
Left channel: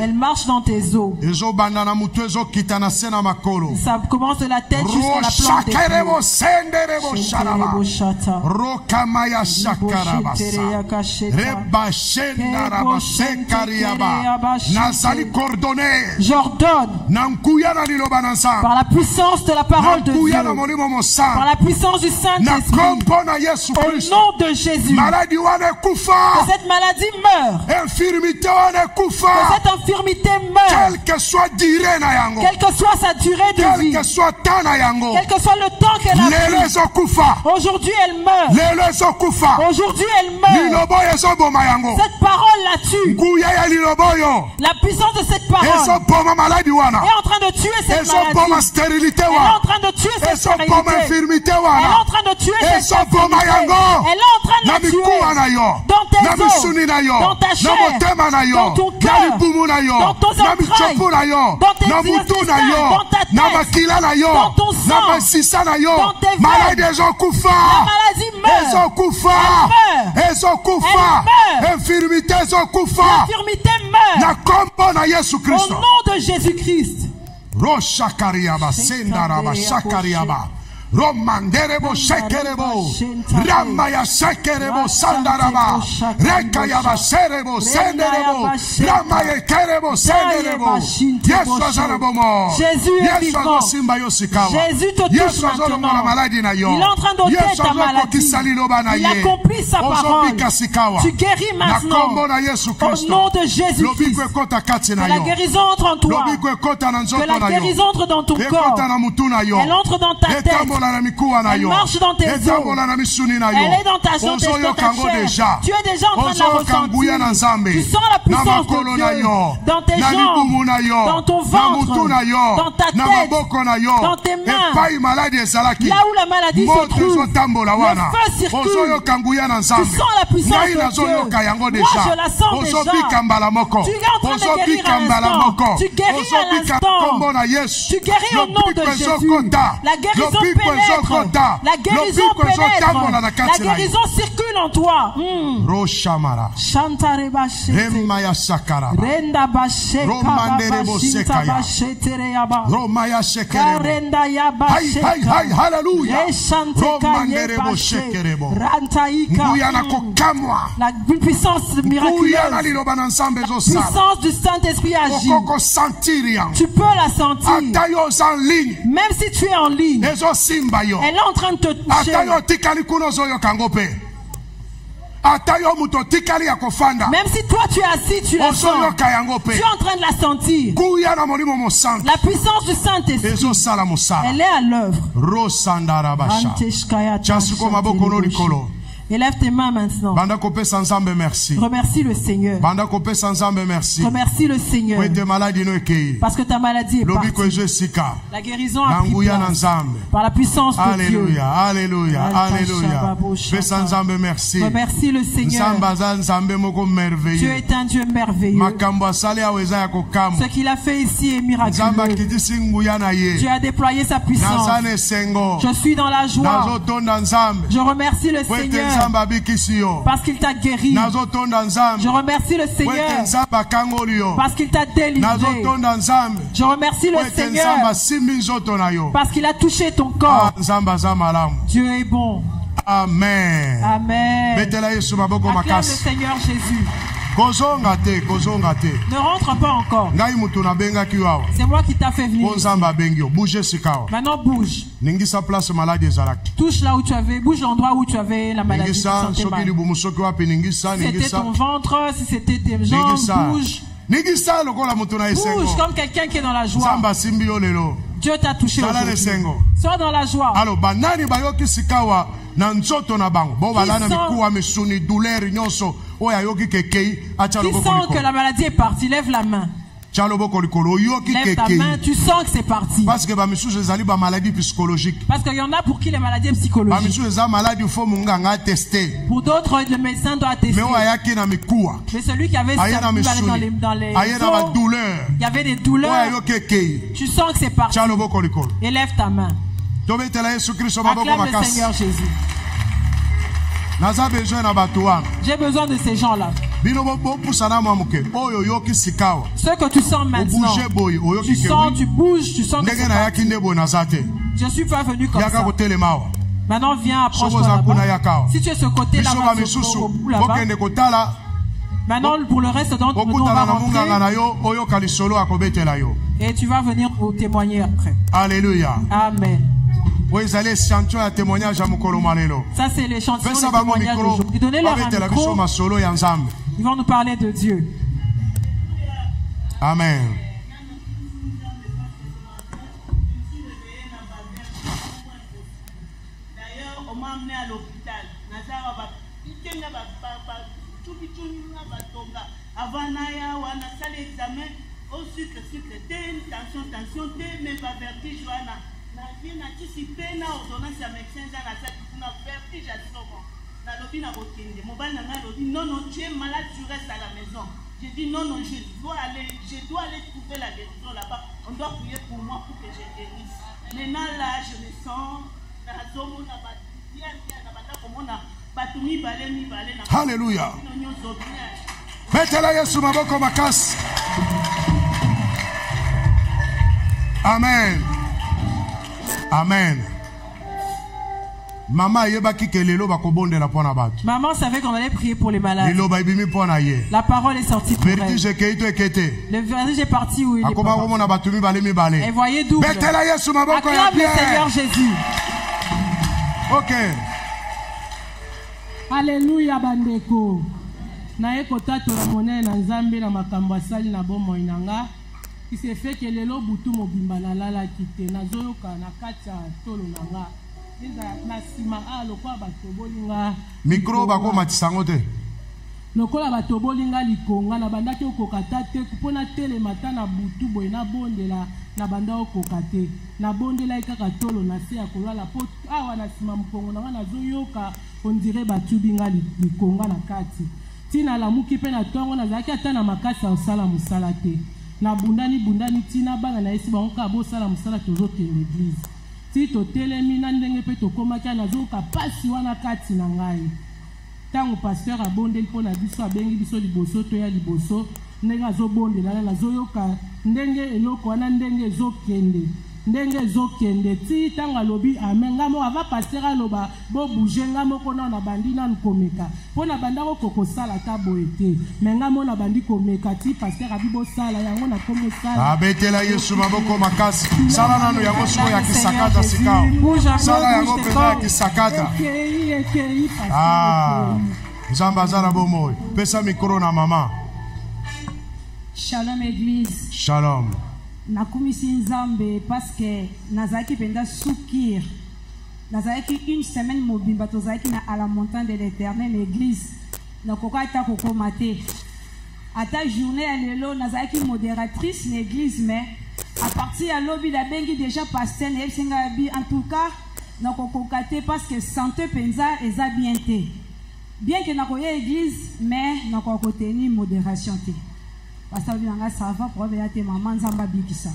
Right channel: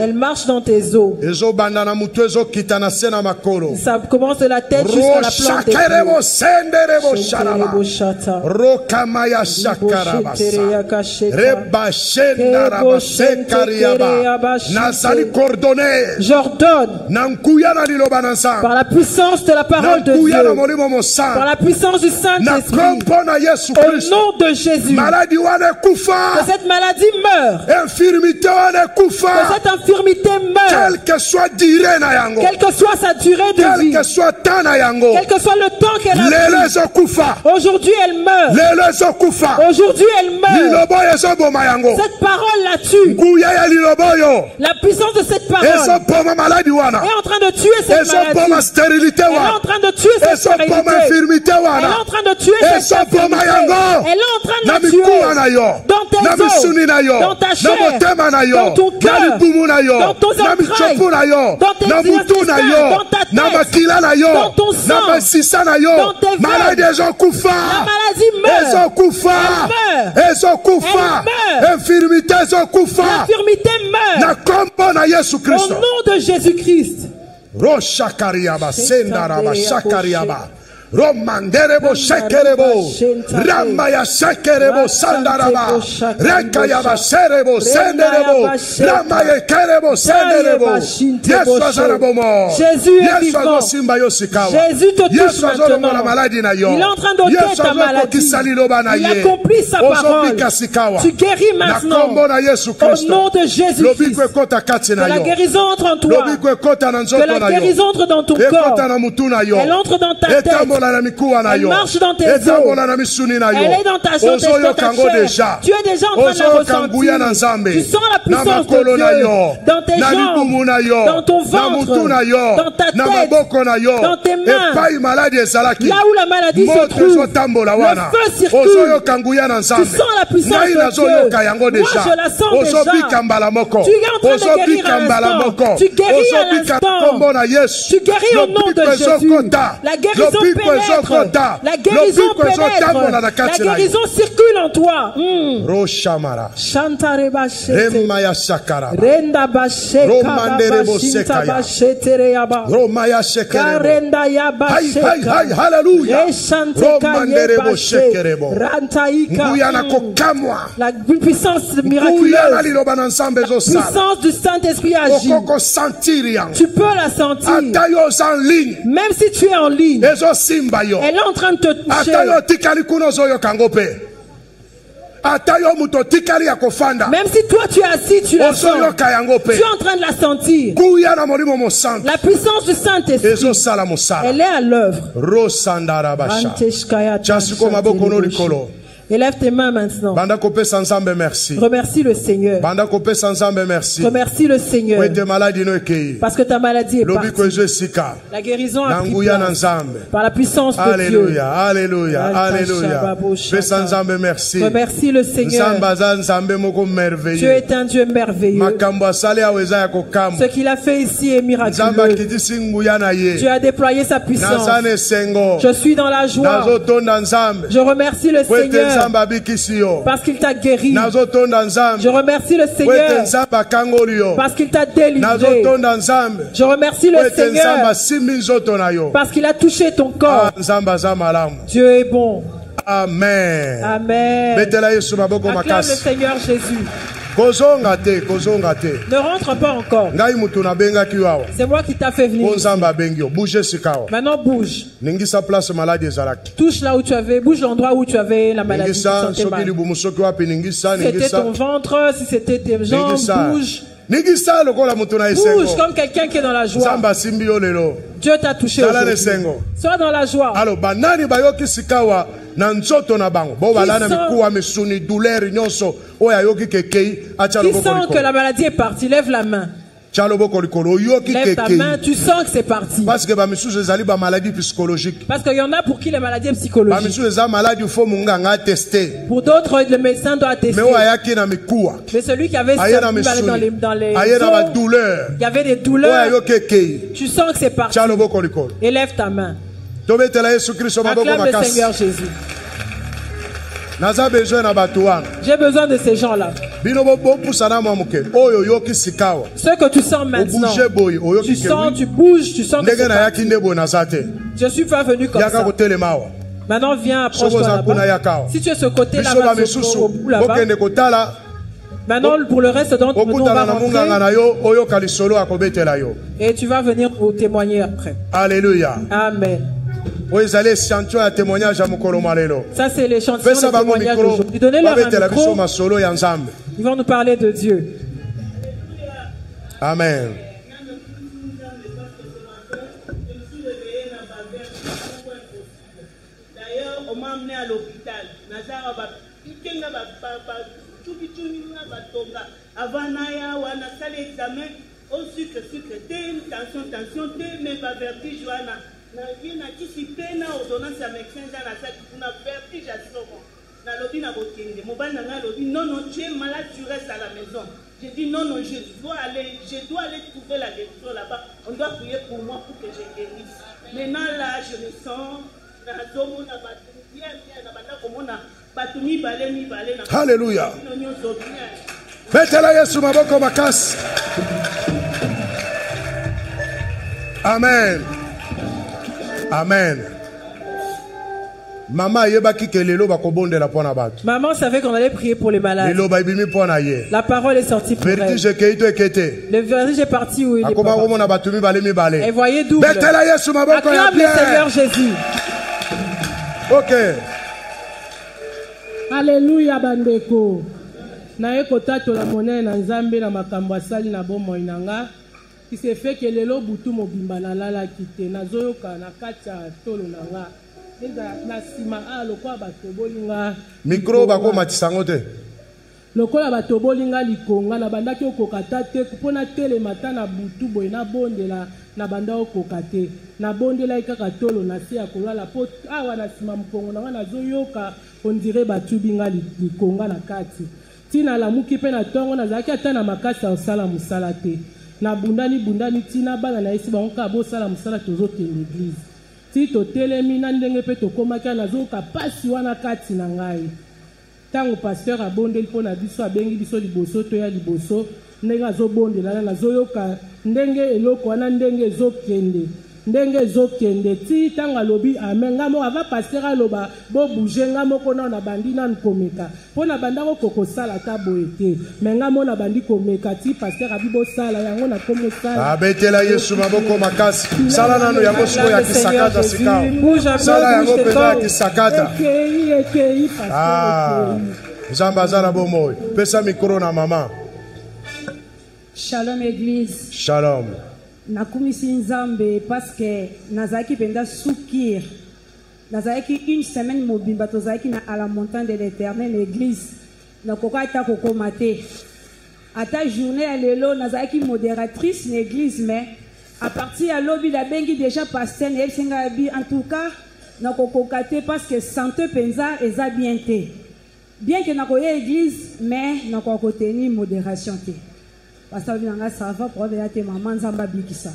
Elle marche dans tes os. Ça commence de la tête jusqu'à la plante des pieds. J'ordonne par la puissance de la parole de Dieu, par la puissance du Saint-Esprit, au nom de Jésus, que cette maladie meure, que cette infirmité meure, quelle que soit sa durée de vie, quel que soit le temps qu'elle a pris. Aujourd'hui elle meurt. Aujourd'hui elle meurt. Cette parole la tue. La puissance de cette parole est en train de tuer cette maladie. Elle est en train de tuer cette stérilité. Elle est en train de tuer cette infirmité. Elle est en train de la tuer dans tes os, dans ta chair, dans ton cœur, dans tes entrailles, dans tes intestins, dans ta tête, dans ton sang, dans tes veines. La maladie meurt. Elle meurt. L'infirmité meurt. Au nom de Jésus-Christ. Romanderebo shekerebo Ramaya shekerebo sandaraba Rekayaba serebo senderebo Ramaya kerebo senderebo Yesu azarabomo Yesu azosimba yosikawa Jésus te touche maintenant. Il est en train d'ôter ta maladie. Il accomplit sa parole. Tu guéris maintenant. Au nom de Jésus-Christ. Que la guérison entre en toi. Que la guérison entre dans ton corps. Elle entre dans ta tête. Elle marche dans tes os. Elle est dans ta chair. Tu es déjà en train de la ressentir. Tu sens la puissance de Dieu dans tes jambes, dans ton ventre, dans ta tête, dans tes mains. Là où la maladie se trouve, le feu circule. Tu sens la puissance de Dieu. Moi, je la sens déjà. Tu es en train de guérir à l'instant. Tu guéris à l'instant. Tu guéris au nom de Jésus. La guérison pénètre. La guérison pénètre. La guérison circule en toi. Roshamara Chantareba Remaya Sakara Renda Basheka Romanderebo Sekaya Romaya Shekerebo Hai hallelujah Romanderebo Shekerebo Nguyana kokamwa la puissance miraculeuse, la puissance du Saint-Esprit agit. Tu peux la sentir. Même si tu es en ligne, elle est en train de te toucher. Même si toi tu es assis, tu la sens. Tu es en train de la sentir. La puissance du Saint-Esprit, elle est à l'œuvre. Élève tes mains maintenant. Remercie le Seigneur. Remercie le Seigneur. Parce que ta maladie est partie. La guérison a pris place. Par la puissance de Dieu. Alléluia. Alléluia. Remercie le Seigneur. Dieu est un Dieu merveilleux. Ce qu'il a fait ici est miraculeux. Dieu a déployé sa puissance. Je suis dans la joie. Je remercie le Seigneur. Parce qu'il t'a guéri. Je remercie le Seigneur. Parce qu'il t'a délivré. Je remercie le Seigneur. Parce qu'il a touché ton corps. Dieu est bon. Amen. Amen. Acclame le Seigneur Jésus. Ne rentre pas encore. C'est moi qui t'a fait venir. Maintenant bouge. Touche là où tu avais, bouge l'endroit où tu avais la maladie. Si c'était ton ventre, si c'était tes jambes, bouge. Bouge comme quelqu'un qui est dans la joie. Dieu t'a touché aujourd'hui. Sois dans la joie. Qui sent que la maladie est partie, lève la main. Lève ta main, tu sens que c'est parti. Parce qu'il y en a pour qui les maladies sont psychologiques. Pour d'autres, le médecin doit tester. Mais celui qui avait dans les os, il y avait des douleurs. Tu sens que c'est parti. Élève ta main. Acclame le Seigneur Jésus. J'ai besoin de ces gens-là. Ce que tu sens maintenant, tu sens, tu bouges, tu sens que c'est parti. Je suis pas venu comme ça. Maintenant viens, approche-toi là-bas. Si tu es ce côté là-bas, là-bas. Maintenant pour le reste d'entre nous, on va rentrer. Et tu vas venir pour témoigner après. Alléluia. Amen. Ça c'est l'échantillon de témoignage d'aujourd'hui. Donnez-leur un micro. Ils vont nous parler de Dieu. Amen. D'ailleurs, on m'a amené à l'hôpital. Avant Naya, on a fait l'examen. Au sucre, tension, mais pas vertige, na vie na anticiper na ordonnance ya médecin za na ça pour na vertige à souvent na lobby na botende mobile na lobby non tu es malade, tu restes à la maison. J'ai dit non je dois aller trouver la guérison là-bas. On doit prier pour moi pour que je guérisse. Maintenant là je me sens na zomo na bien na bata comme na batumi balé na. Alléluia. Mettez-la Yesu maboko makasi. Amen. Amen. Maman savait qu'on allait prier pour les malades. La parole est sortie pour elle. Le vertige est parti où il est parti. Et voyez double. Acclame le Seigneur Jésus. Ok. Alléluia bandeko. Naye kotato la monnaie na nzambe na makambo asali na bomo inanga. Il s'est fait que lelo butu mobimba na lala kite na zoyoka na kacha tolo nanga. Na sima a lokwa bato bolinga. Micro bako matisango te. Lokola bato bolinga likonga na bandaki okokata te kupona tele mata na butu boy na bondela na banda okokate. Na bondela ikaka tolo na se akolala po awa na sima mkongo nanga na zoyoka on dirait batu binga likonga na kati. Tina la muki pe na tongo na zaki ata na makasi ya osala musala te. Na bundani tina bana na esi bango ka bo sala musala tozote l'église. Ti to telemi na ndenge pe to komaka na zoka pasi wana kati na ngai. Tango pasteur abondeli po na biso abengi biso liboso to ya liboso ndenge azobondela na zoyoka ndenge eloko wana ndenge ezokende. Ndenge zokende ti tanga lobi amen ngamo ava pasteur aloba bo bouger ngamo kona na bandi na nkomeka pona banda ko kokosala ta boete mais ngamo na bandi komeka ti pasteur abibo sala yango na komo sala abetela Yesu maboko makasi sala nano yango siko ya kisakata sikao sala yango peza ya kisakata Zamba zara bomoy pesa mikro na mama. Shalom église. Shalom. Nakumisi nzambe parce que nazaki penda soukir nazaki une semaine mobimba tozaki na à la montagne de l'Éternel église nakoka ta kokomate ata journée à lelo nazaki modératrice l'église mais à partir à lobby la bengi déjà pasteur et singa bi en tout cas nakokokate parce que santé penza eza bien té bien que nakoya église mais nakokoteni modération té. Parce que ça va pour te maman nzamba bikisa.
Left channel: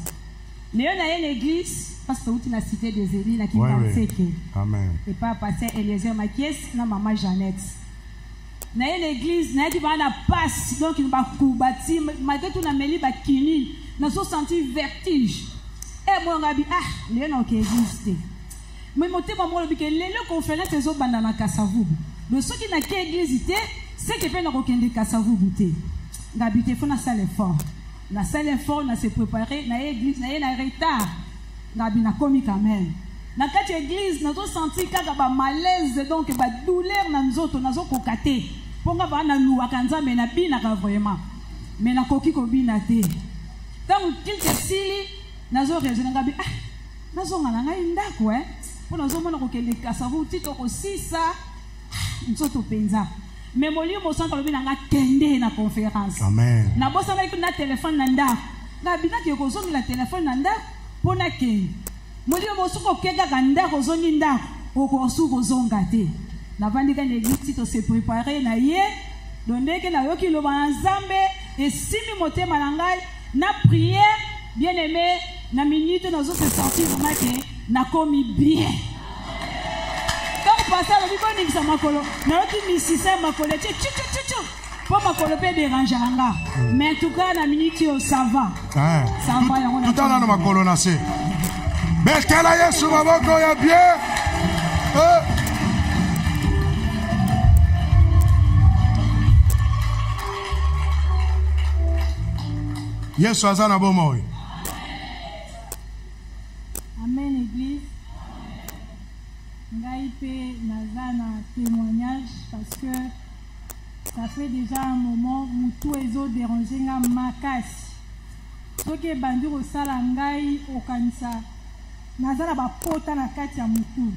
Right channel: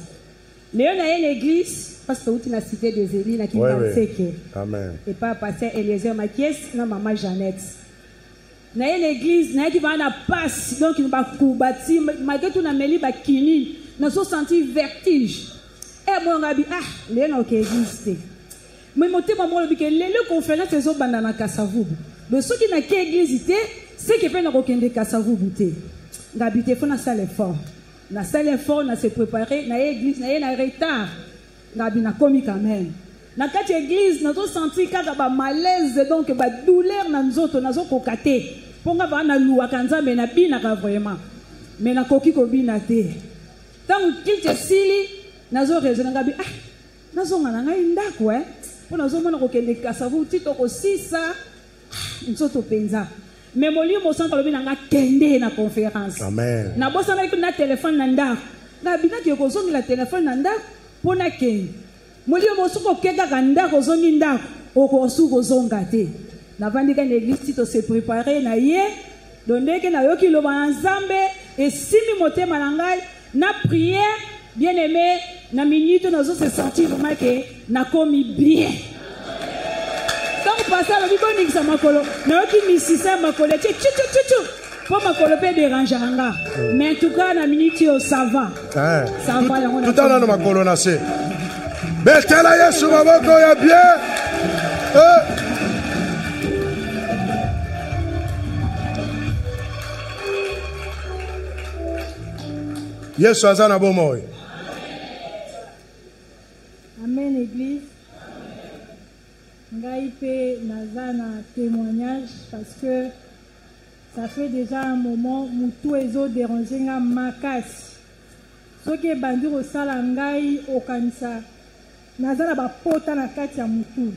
Léon a une église parce que tu na cité des Élis na qui pensait que. Amen. Et pas passer Eliezer Makies na maman Jeannette. Na une église na qui va na passe donc il va kubati malgré tout na meli ba kini na so senti vertige. Et moi ngabi Léon OK église. Mais monter maman le biké les conférences les autres banda na Kasavubu. Le ceux qui na qui église c'est que peut na kokende Kasavubu té. Ngabité faut na salle fort na se préparer na église na retard ngabi na komi quand même na kati église na to sentir kaka ba malaise donc ba douleur na nzoto na zo kokate ponga ba na luwa kanzambe na bina ka vraiment mais na koki ko bina te tant qu'il te sili na zo raisonner ngabi na zo ngana ngai ndako pour na zo mona ko kende kasavu tito ko sisa nzoto penza. Mais mon lieu, mon centre, le nanga kende na conférence. Amen. Na bossa na na téléphone nanda. Na bina ki ko zongi la téléphone nanda pona ke. Mon lieu, mon suko kenda kanda ko zongi nda o ko suko zonga te. Na vandika l'église to se préparer na ye. Donde ke na yoki lo banzambe et simi motema nangai na prière bien-aimé na minute na zo se sentir vraiment que na komi bien. Donc, passer le bibo ça makolo. Na yoki misisa makolo. Tchou. Pour makolo pe déranger anga. Mais en tout cas, na minute ça va. Ça va yango na. Tout à l'heure makolo na se. Betela Yesu maboko ya bien. Yesu azana bomoy. Amen église. Ngai pe nazana témoignage parce que ça fait déjà un moment où tout ezo déranger nga makasi. Soki bandi ko sala ngai okanisa nazana ba pota na kati ya mutu.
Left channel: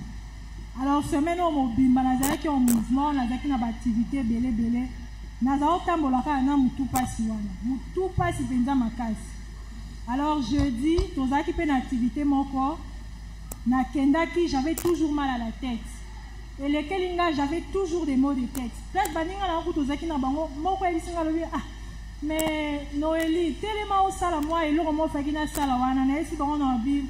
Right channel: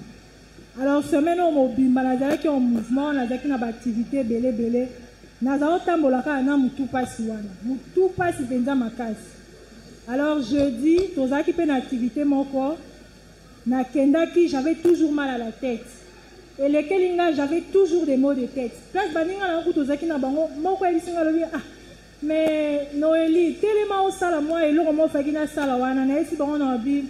Alors semaine au mobimba nazaki en mouvement nazaki na ba activité belé nazao tambola ka na mutu pasi wana. Mutu pasi penza makasi. Alors jeudi tozaki pe na activité moko na kendaki, j'avais toujours mal à la tête. Et les kelinga, j'avais toujours des maux de tête. Place baninga na kutozaki na bango, moko elisinga lobi mais Noélie, tellement au sala moi et l'oro mo fakina sala wana na esi bango na bi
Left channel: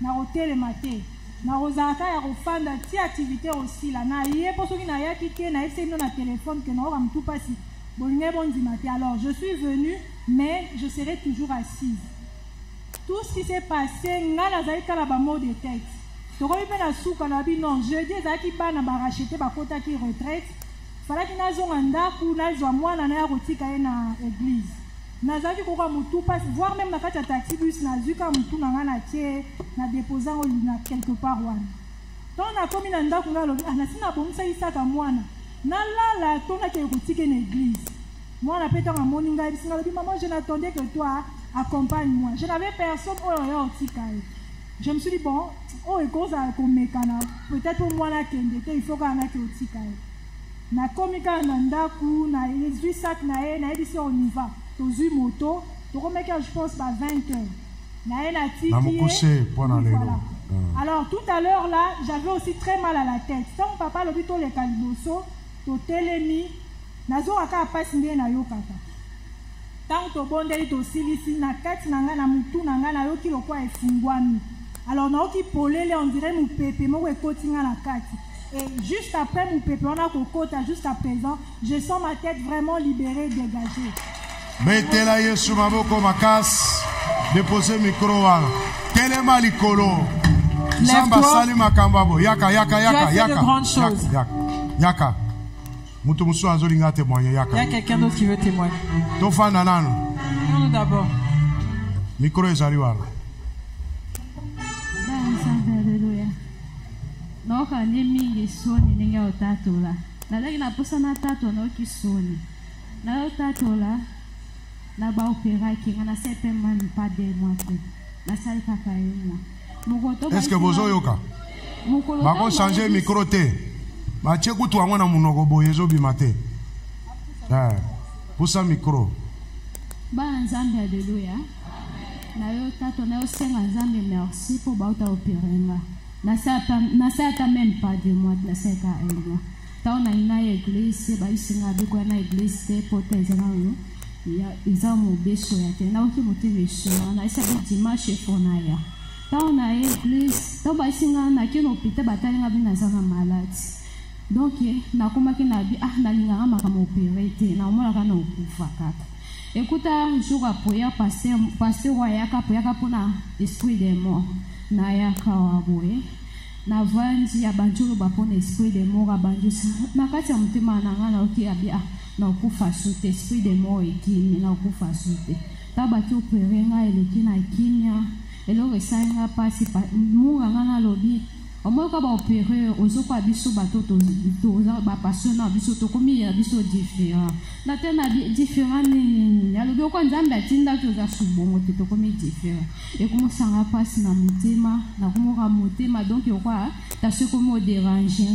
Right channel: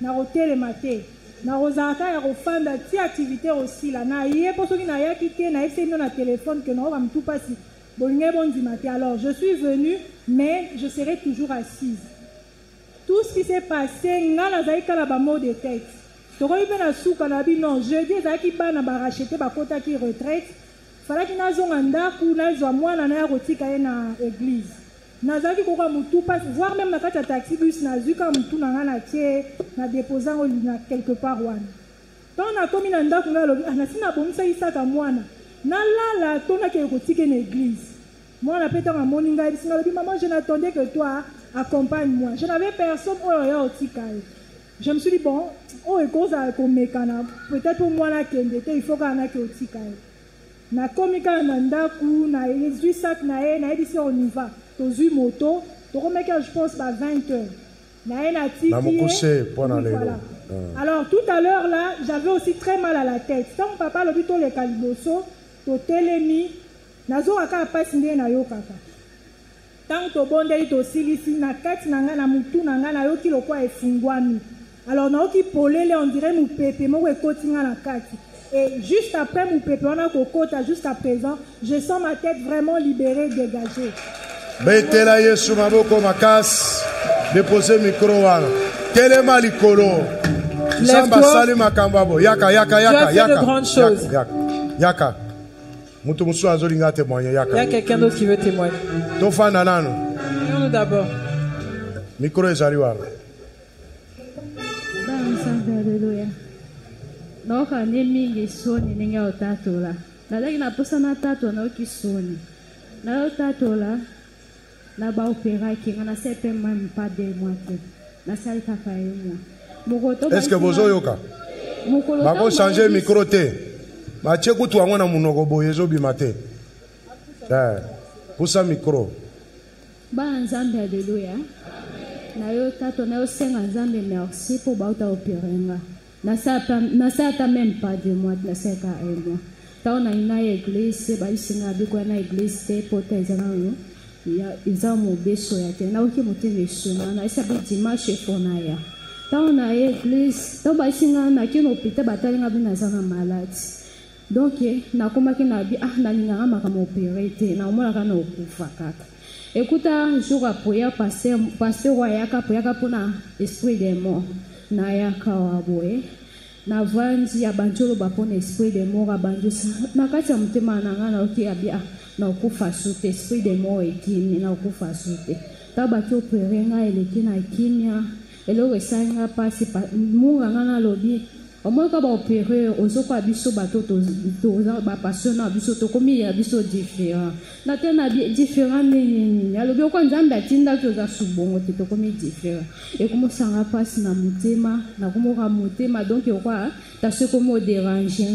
na hôtel maté. Na rozaka ya rofanda ti activité aussi là na yé poso ki na yaki ke na esi no na téléphone que no ram tout passi. Bolinga bondi maté. Alors, je suis venue mais je serai toujours assise. Tout ce qui s'est passé, nga nazali kala ba maux de tête. Non, jeudi, ezaki bana ba racheter ba kota ki retraite. Fallait que nazonga ndaku nazwa mwana na rotika na église. Nazaki koka mutu passe voir même na kati ya taxi bus nazuka mutu na ngana tie na déposant na quelque part wana. Donc na komi na ndaku ngalo na sina bomisa isaka mwana. Na la tona ke rotika na église. Mwana peta na moninga bisinga lobi maman je n'attendais que toi accompagne-moi. Je n'avais personne au rotika. Je me suis dit bon, oh et cause à komekana peut-être pour moi na kende il faut kana ke otika. Na komika na ndaku na ezui sac na edisi on y va. Tozui moto, to komeka je pense pas 20h. Na na tiki. Na mokose pour na lelo. Alors tout à l'heure là, j'avais aussi très mal à la tête. Tant mon papa lobi to le kaliboso, to telemi, nazo aka pasi ndé na yo kaka. Tant to bondeli to silisi na kati na nga na mutu na nga na yo ki lokwa efungwami. Alors na oki polele on dirait mon pépé mo ekoti nga na kati. Et juste après mon pépé on a kokota jusqu'à présent, je sens ma tête vraiment libérée, dégagée. Betela Yesu maboko makas, déposer micro wana. Telema likolo. Samba sali makambabo. Yaka. De grandes choses. Yaka. Mutu musu azolinga témoigner yaka. Il y a quelqu'un d'autre qui veut témoigner. Tofana nano. Nous d'abord. Micro ezali wana. Alléluia. Donc on est mingi soni ninga otatola. Na lagi na posa na tato na oki soni. Na otatola na ba opéra ki ngana sepe man pas de moitié. Na sali kaka yemo. Mokoto. Est-ce que bozo yoka? Ba ko changer micro te. Ba cheku tu angona munoko boyezo bi mate. Posa micro. Ba nzambe alléluia. Na yo tato na yo senga nzambe merci pour bauta opérenga. Na sa même pas de moi na sa ka enya. Ta na ina église ba isinga biko na église te pota ezanga ya izamo beso ya te na oki mutime shona na isa bi dimanche fona ya. Ta na église ta ba isinga na kino pita batalinga bi na zanga malade. Donc na komaki na bi na linga maka mo opérer te na omona kana okufa kaka. Écoute, un jour après, pasteur Wayaka pour na esprit des morts. Na yaka waboe. Na vanji ya banjolo bapona esprit des morts abanjusa. Na kati ya mutema nanga na oki abia na okufa sute esprit des morts ekini na okufa sute. Taba ki operenga eleki na kimia. Elo resanga pasi munga ngana lobi. Omo ka ba opérer ozoko abiso bato to ba passion abiso to komi abiso différent. Na tena différent ni alobi ko nzambe atinda ko za subongo to komi différent. Et comme sanga passe na mutema na komo ka mutema donc quoi ta ce comme déranger.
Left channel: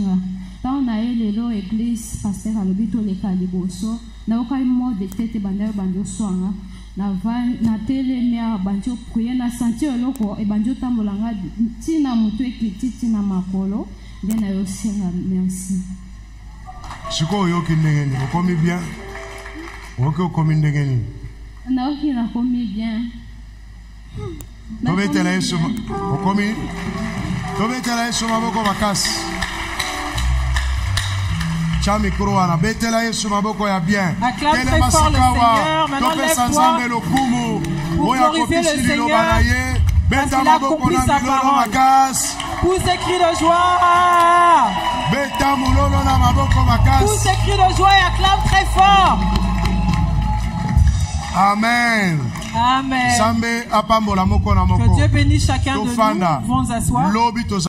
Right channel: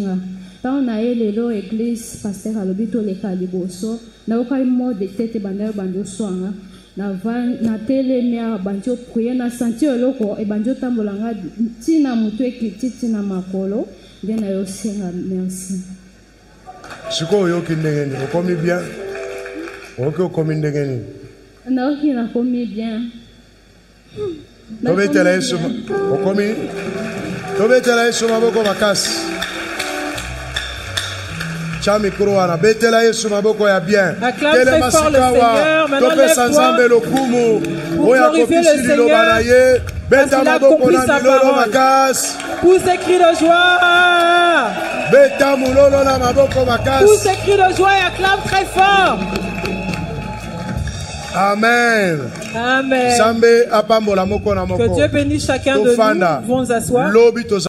Tant na lelo église pasteur alobi to le kaliboso na ko mo de tete bandayo bando swanga. Na telemia banjo prier na sentir loko e banjo tambolanga tina mutu ekiti na makolo ndena yo senga merci. Siko yo kindengeni okomi bien. Oko komi ndengeni. Na oki na komi bien. Tobetela Yesu okomi. Tobetela Yesu maboko makasi. Chami Krouana, betela Yesu maboko ya bien. Acclame très fort le Seigneur. Maintenant lève-toi pour glorifier le Seigneur parce qu'il a accompli sa parole. Pousse des cris de joie. Pousse des cris de joie et acclame très fort. Amen. Amen. Que Dieu bénisse chacun de nous. Vont s'asseoir.